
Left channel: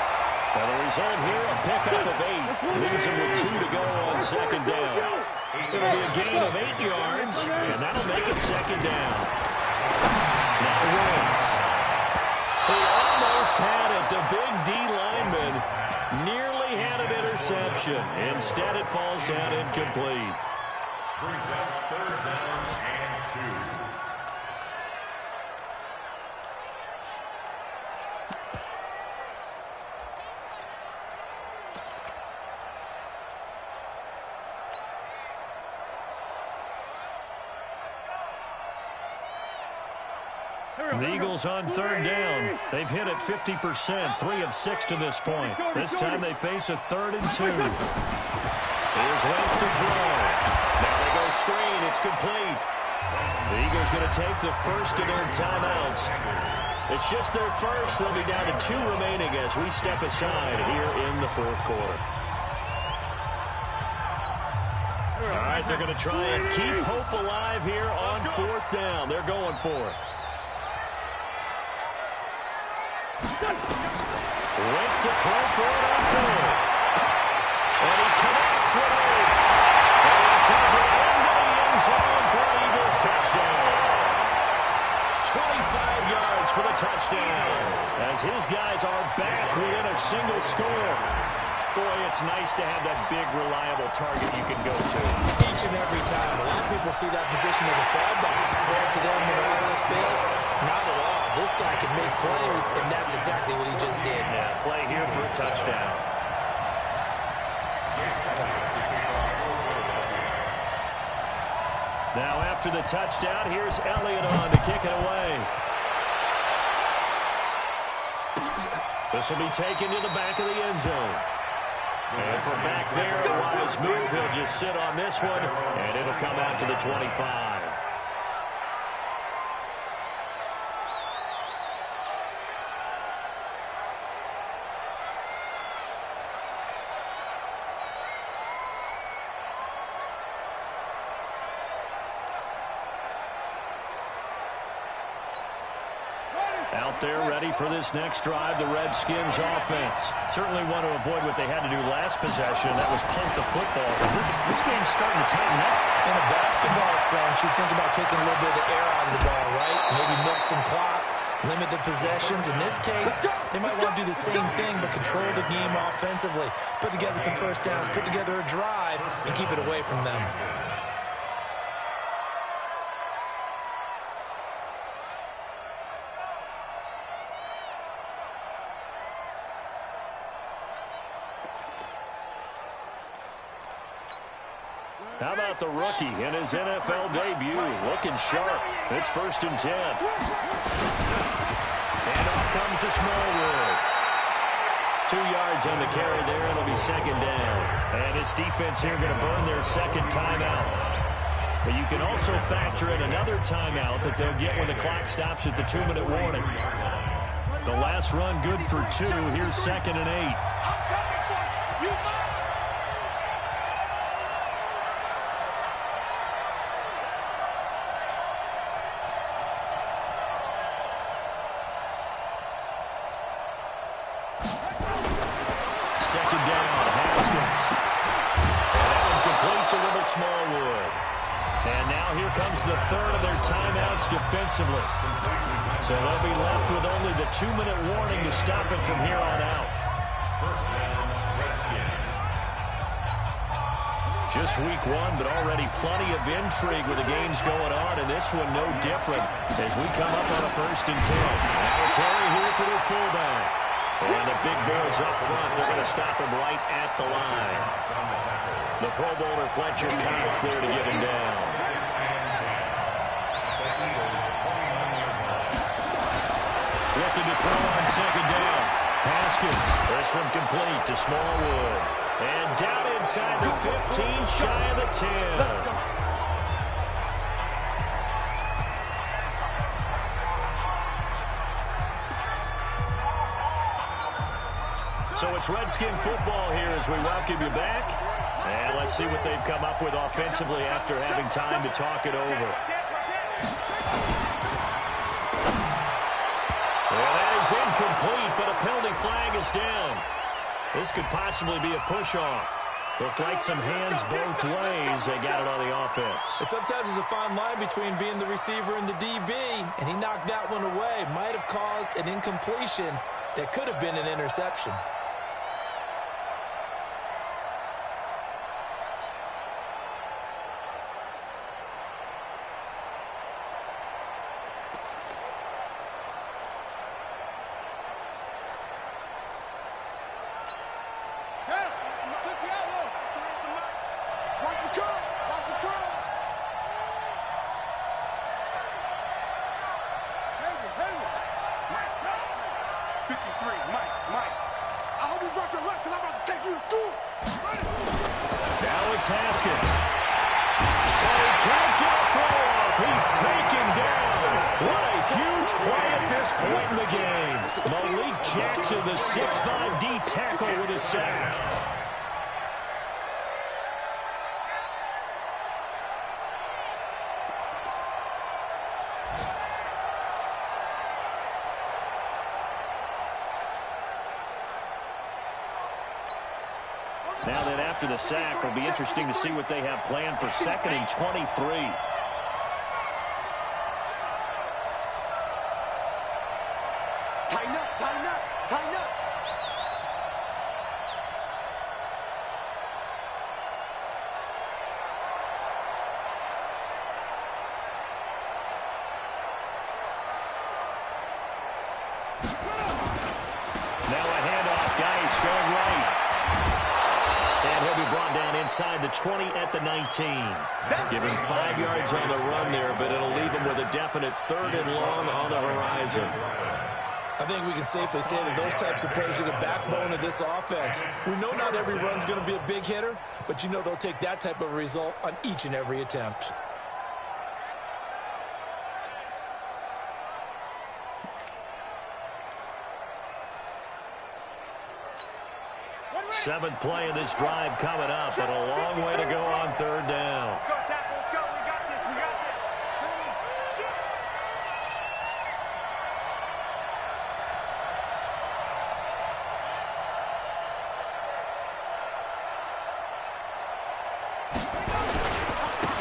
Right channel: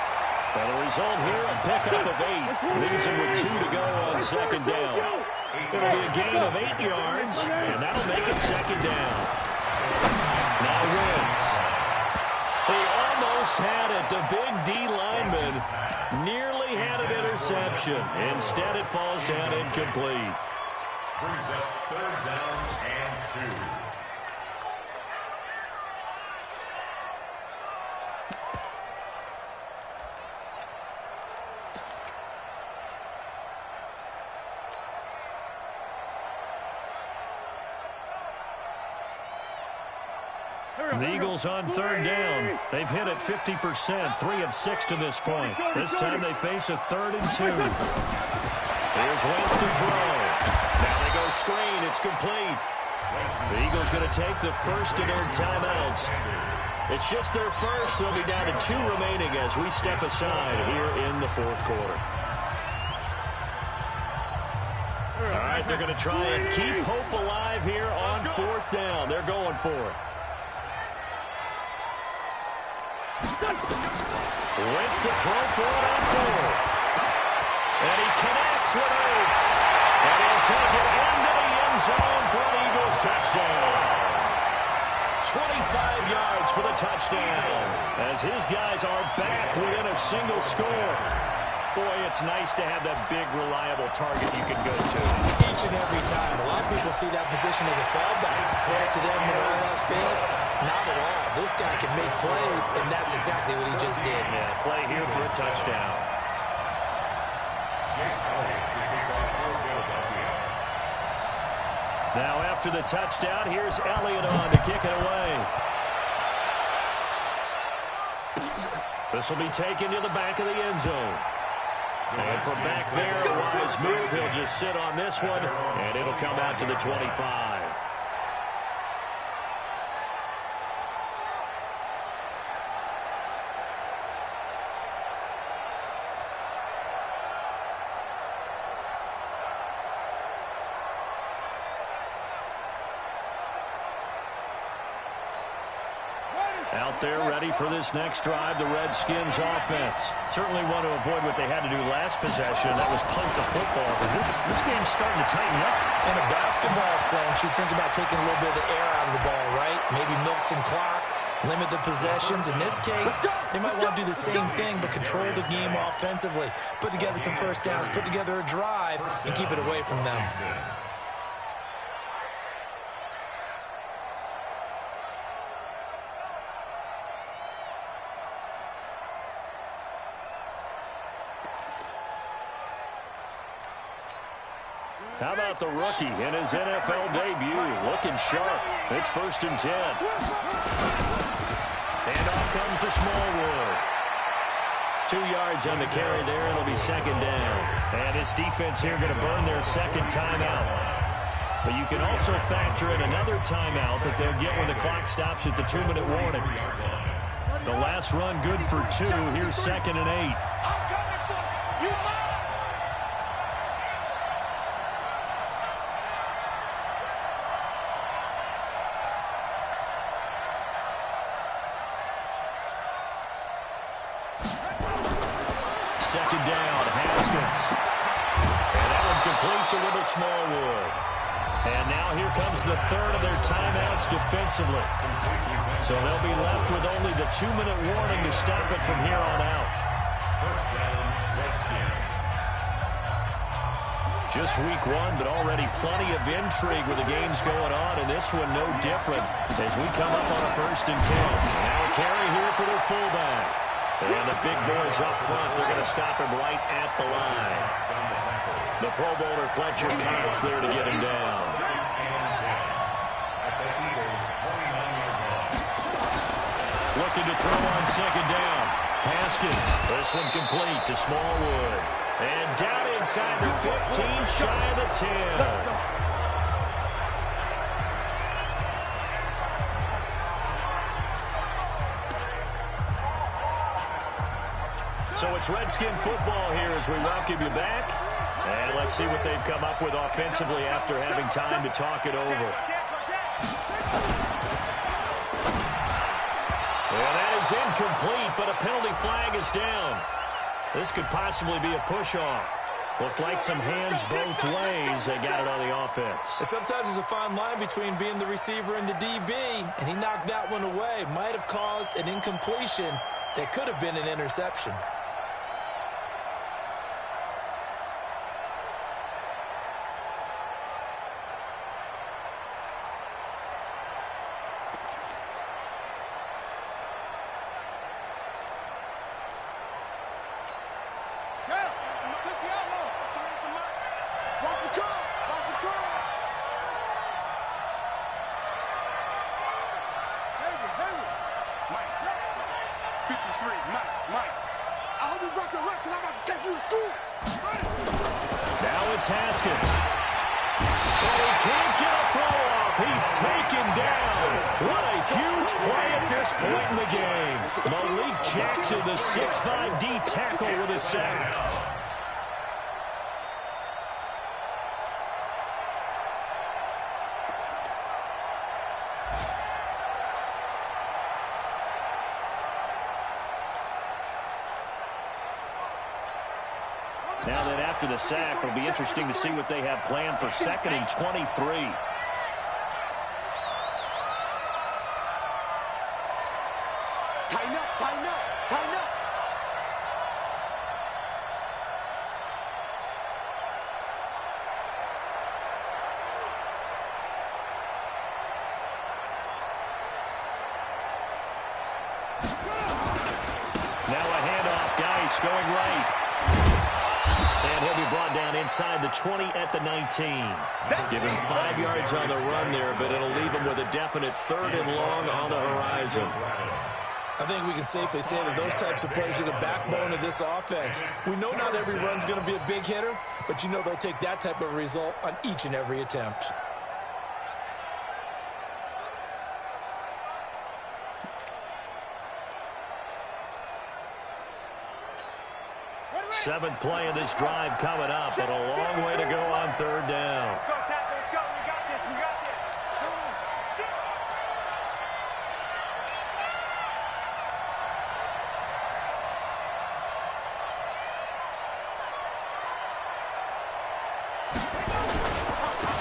And the result here, a pickup of 8. Leaves him with 2 to go on 2nd down. It'll be a gain of 8 yards, and that'll make it 2nd down. Now Wentz. He almost had it. The big D lineman nearly had an interception. Instead, it falls down incomplete. Brings up 3rd down and 2. The Eagles on third down. They've hit it 50%, 3 of 6 to this point. This time they face a 3rd and 2. Here's Wentz to throw. Now they go screen. It's complete. The Eagles going to take the first of their timeouts. It's just their first. They'll be down to 2 remaining as we step aside here in the 4th quarter. All right, they're going to try and keep hope alive here on 4th down. They're going for it. Wentz to throw for it on 4th. And he connects with Oates. And he'll take it into the end zone for an Eagles touchdown. 25 yards for the touchdown as his guys are back within a single score. Boy, it's nice to have that big, reliable target you can go to. Each and every time. A lot of people see that position as a fallback. Throw it to them when all else fails. Not at all. This guy can make plays, and that's exactly what he just did. Yeah, play here for a touchdown. Now after the touchdown, here's Elliott on to kick it away. This will be taken to the back of the end zone. And from back there, a wise move. He'll just sit on this one, and it'll come out to the 25. Out there ready for this next drive, the Redskins offense. Certainly want to avoid what they had to do last possession. That was punt the football, because this game's starting to tighten up. In a basketball sense, you think about taking a little bit of the air out of the ball, right? Maybe milk some clock, limit the possessions. In this case, they might want to do the same thing, but control the game offensively. Put together some first downs, put together a drive, and keep it away from them. How about the rookie in his NFL debut? Looking sharp. It's 1st and 10. And off comes to Smallwood. 2 yards on the carry there. It'll be 2nd down. And this defense here going to burn their 2nd timeout. But you can also factor in another timeout that they'll get when the clock stops at the 2-minute warning. The last run good for 2. Here's 2nd and 8. I'm coming for you. You mine. Second down, Haskins. And that one complete to Little Smallwood. And now here comes the 3rd of their timeouts defensively. So they'll be left with only the 2-minute warning to stop it from here on out. First down, Redskins. Just week 1, but already plenty of intrigue with the games going on, and this one no different as we come up on a 1st and 10. Now a carry here for their fullback. And the big boys up front, they're going to stop him right at the line. The Pro Bowler Fletcher Cox there to get him down. Looking to throw on 2nd down. Haskins, this one complete to Smallwood. And down inside the 15, shy of the 10. So it's Redskin football here as we welcome you back. And let's see what they've come up with offensively after having time to talk it over. Well, that is incomplete, but a penalty flag is down. This could possibly be a push-off. Looked like some hands both ways. They got it on the offense. And sometimes there's a fine line between being the receiver and the DB, and he knocked that one away. Might have caused an incompletion that could have been an interception. What a huge play at this point in the game. Malik Jackson, the 6'5" D tackle with a sack. Now then, after the sack, it'll be interesting to see what they have planned for 2nd and 23. Tighten up, tighten up, tighten up. Now a handoff, Geis going right. And he'll be brought down inside the 20 at the 19. Give him 5 yards on the run there, but it'll leave him with a definite 3rd and long on the horizon. I think we can safely say that those types of plays are the backbone of this offense. We know not every run's going to be a big hitter, but you know they'll take that type of result on each and every attempt. Seventh play of this drive coming up, but a long way to go on 3rd down. Let's go, tackle, let's go. We got this, we got this.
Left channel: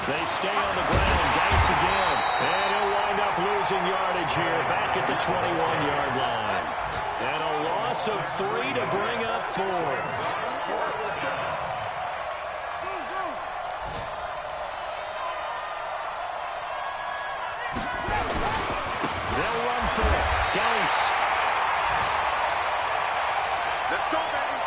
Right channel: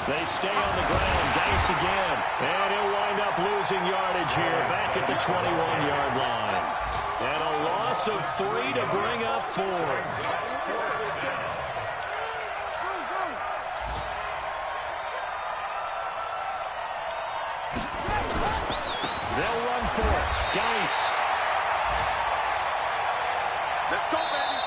They stay on the ground. Geis again. And he'll wind up losing yardage here back at the 21-yard line. And a loss of 3 to bring up 4. They'll run for it. Geis. Let's go, baby.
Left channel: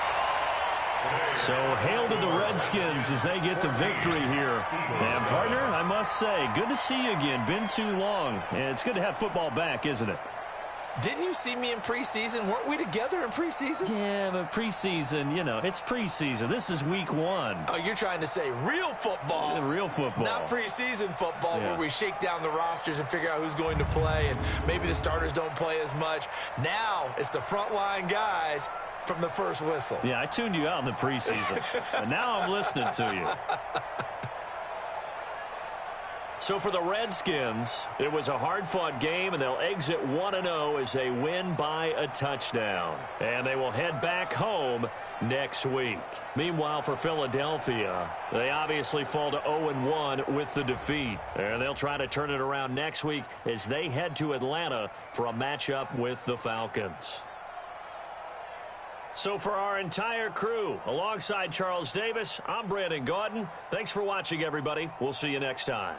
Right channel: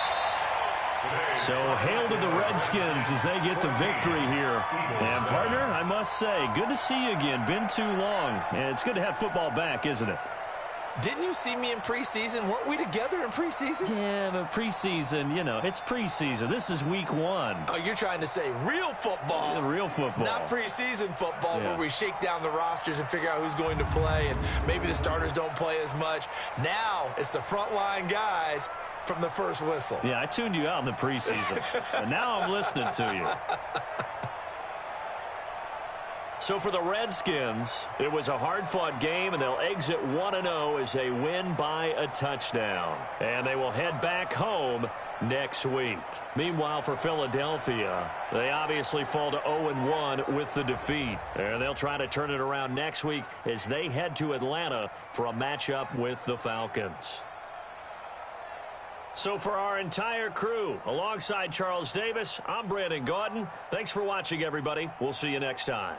So hail to the Redskins as they get the victory here. And, partner, I must say, good to see you again. Been too long. And it's good to have football back, isn't it? Didn't you see me in preseason? Weren't we together in preseason? Yeah, but preseason, you know, it's preseason. This is week 1. Oh, you're trying to say real football. Yeah, real football. Not preseason football, Yeah. where we shake down the rosters and figure out who's going to play, and maybe the starters don't play as much. Now it's the frontline guys from the first whistle. Yeah, I tuned you out in the preseason. But now I'm listening to you. So for the Redskins, it was a hard-fought game, and they'll exit 1-0 as they win by a touchdown. And they will head back home next week. Meanwhile, for Philadelphia, they obviously fall to 0-1 with the defeat. And they'll try to turn it around next week as they head to Atlanta for a matchup with the Falcons. So for our entire crew, alongside Charles Davis, I'm Brandon Gaudin. Thanks for watching, everybody. We'll see you next time.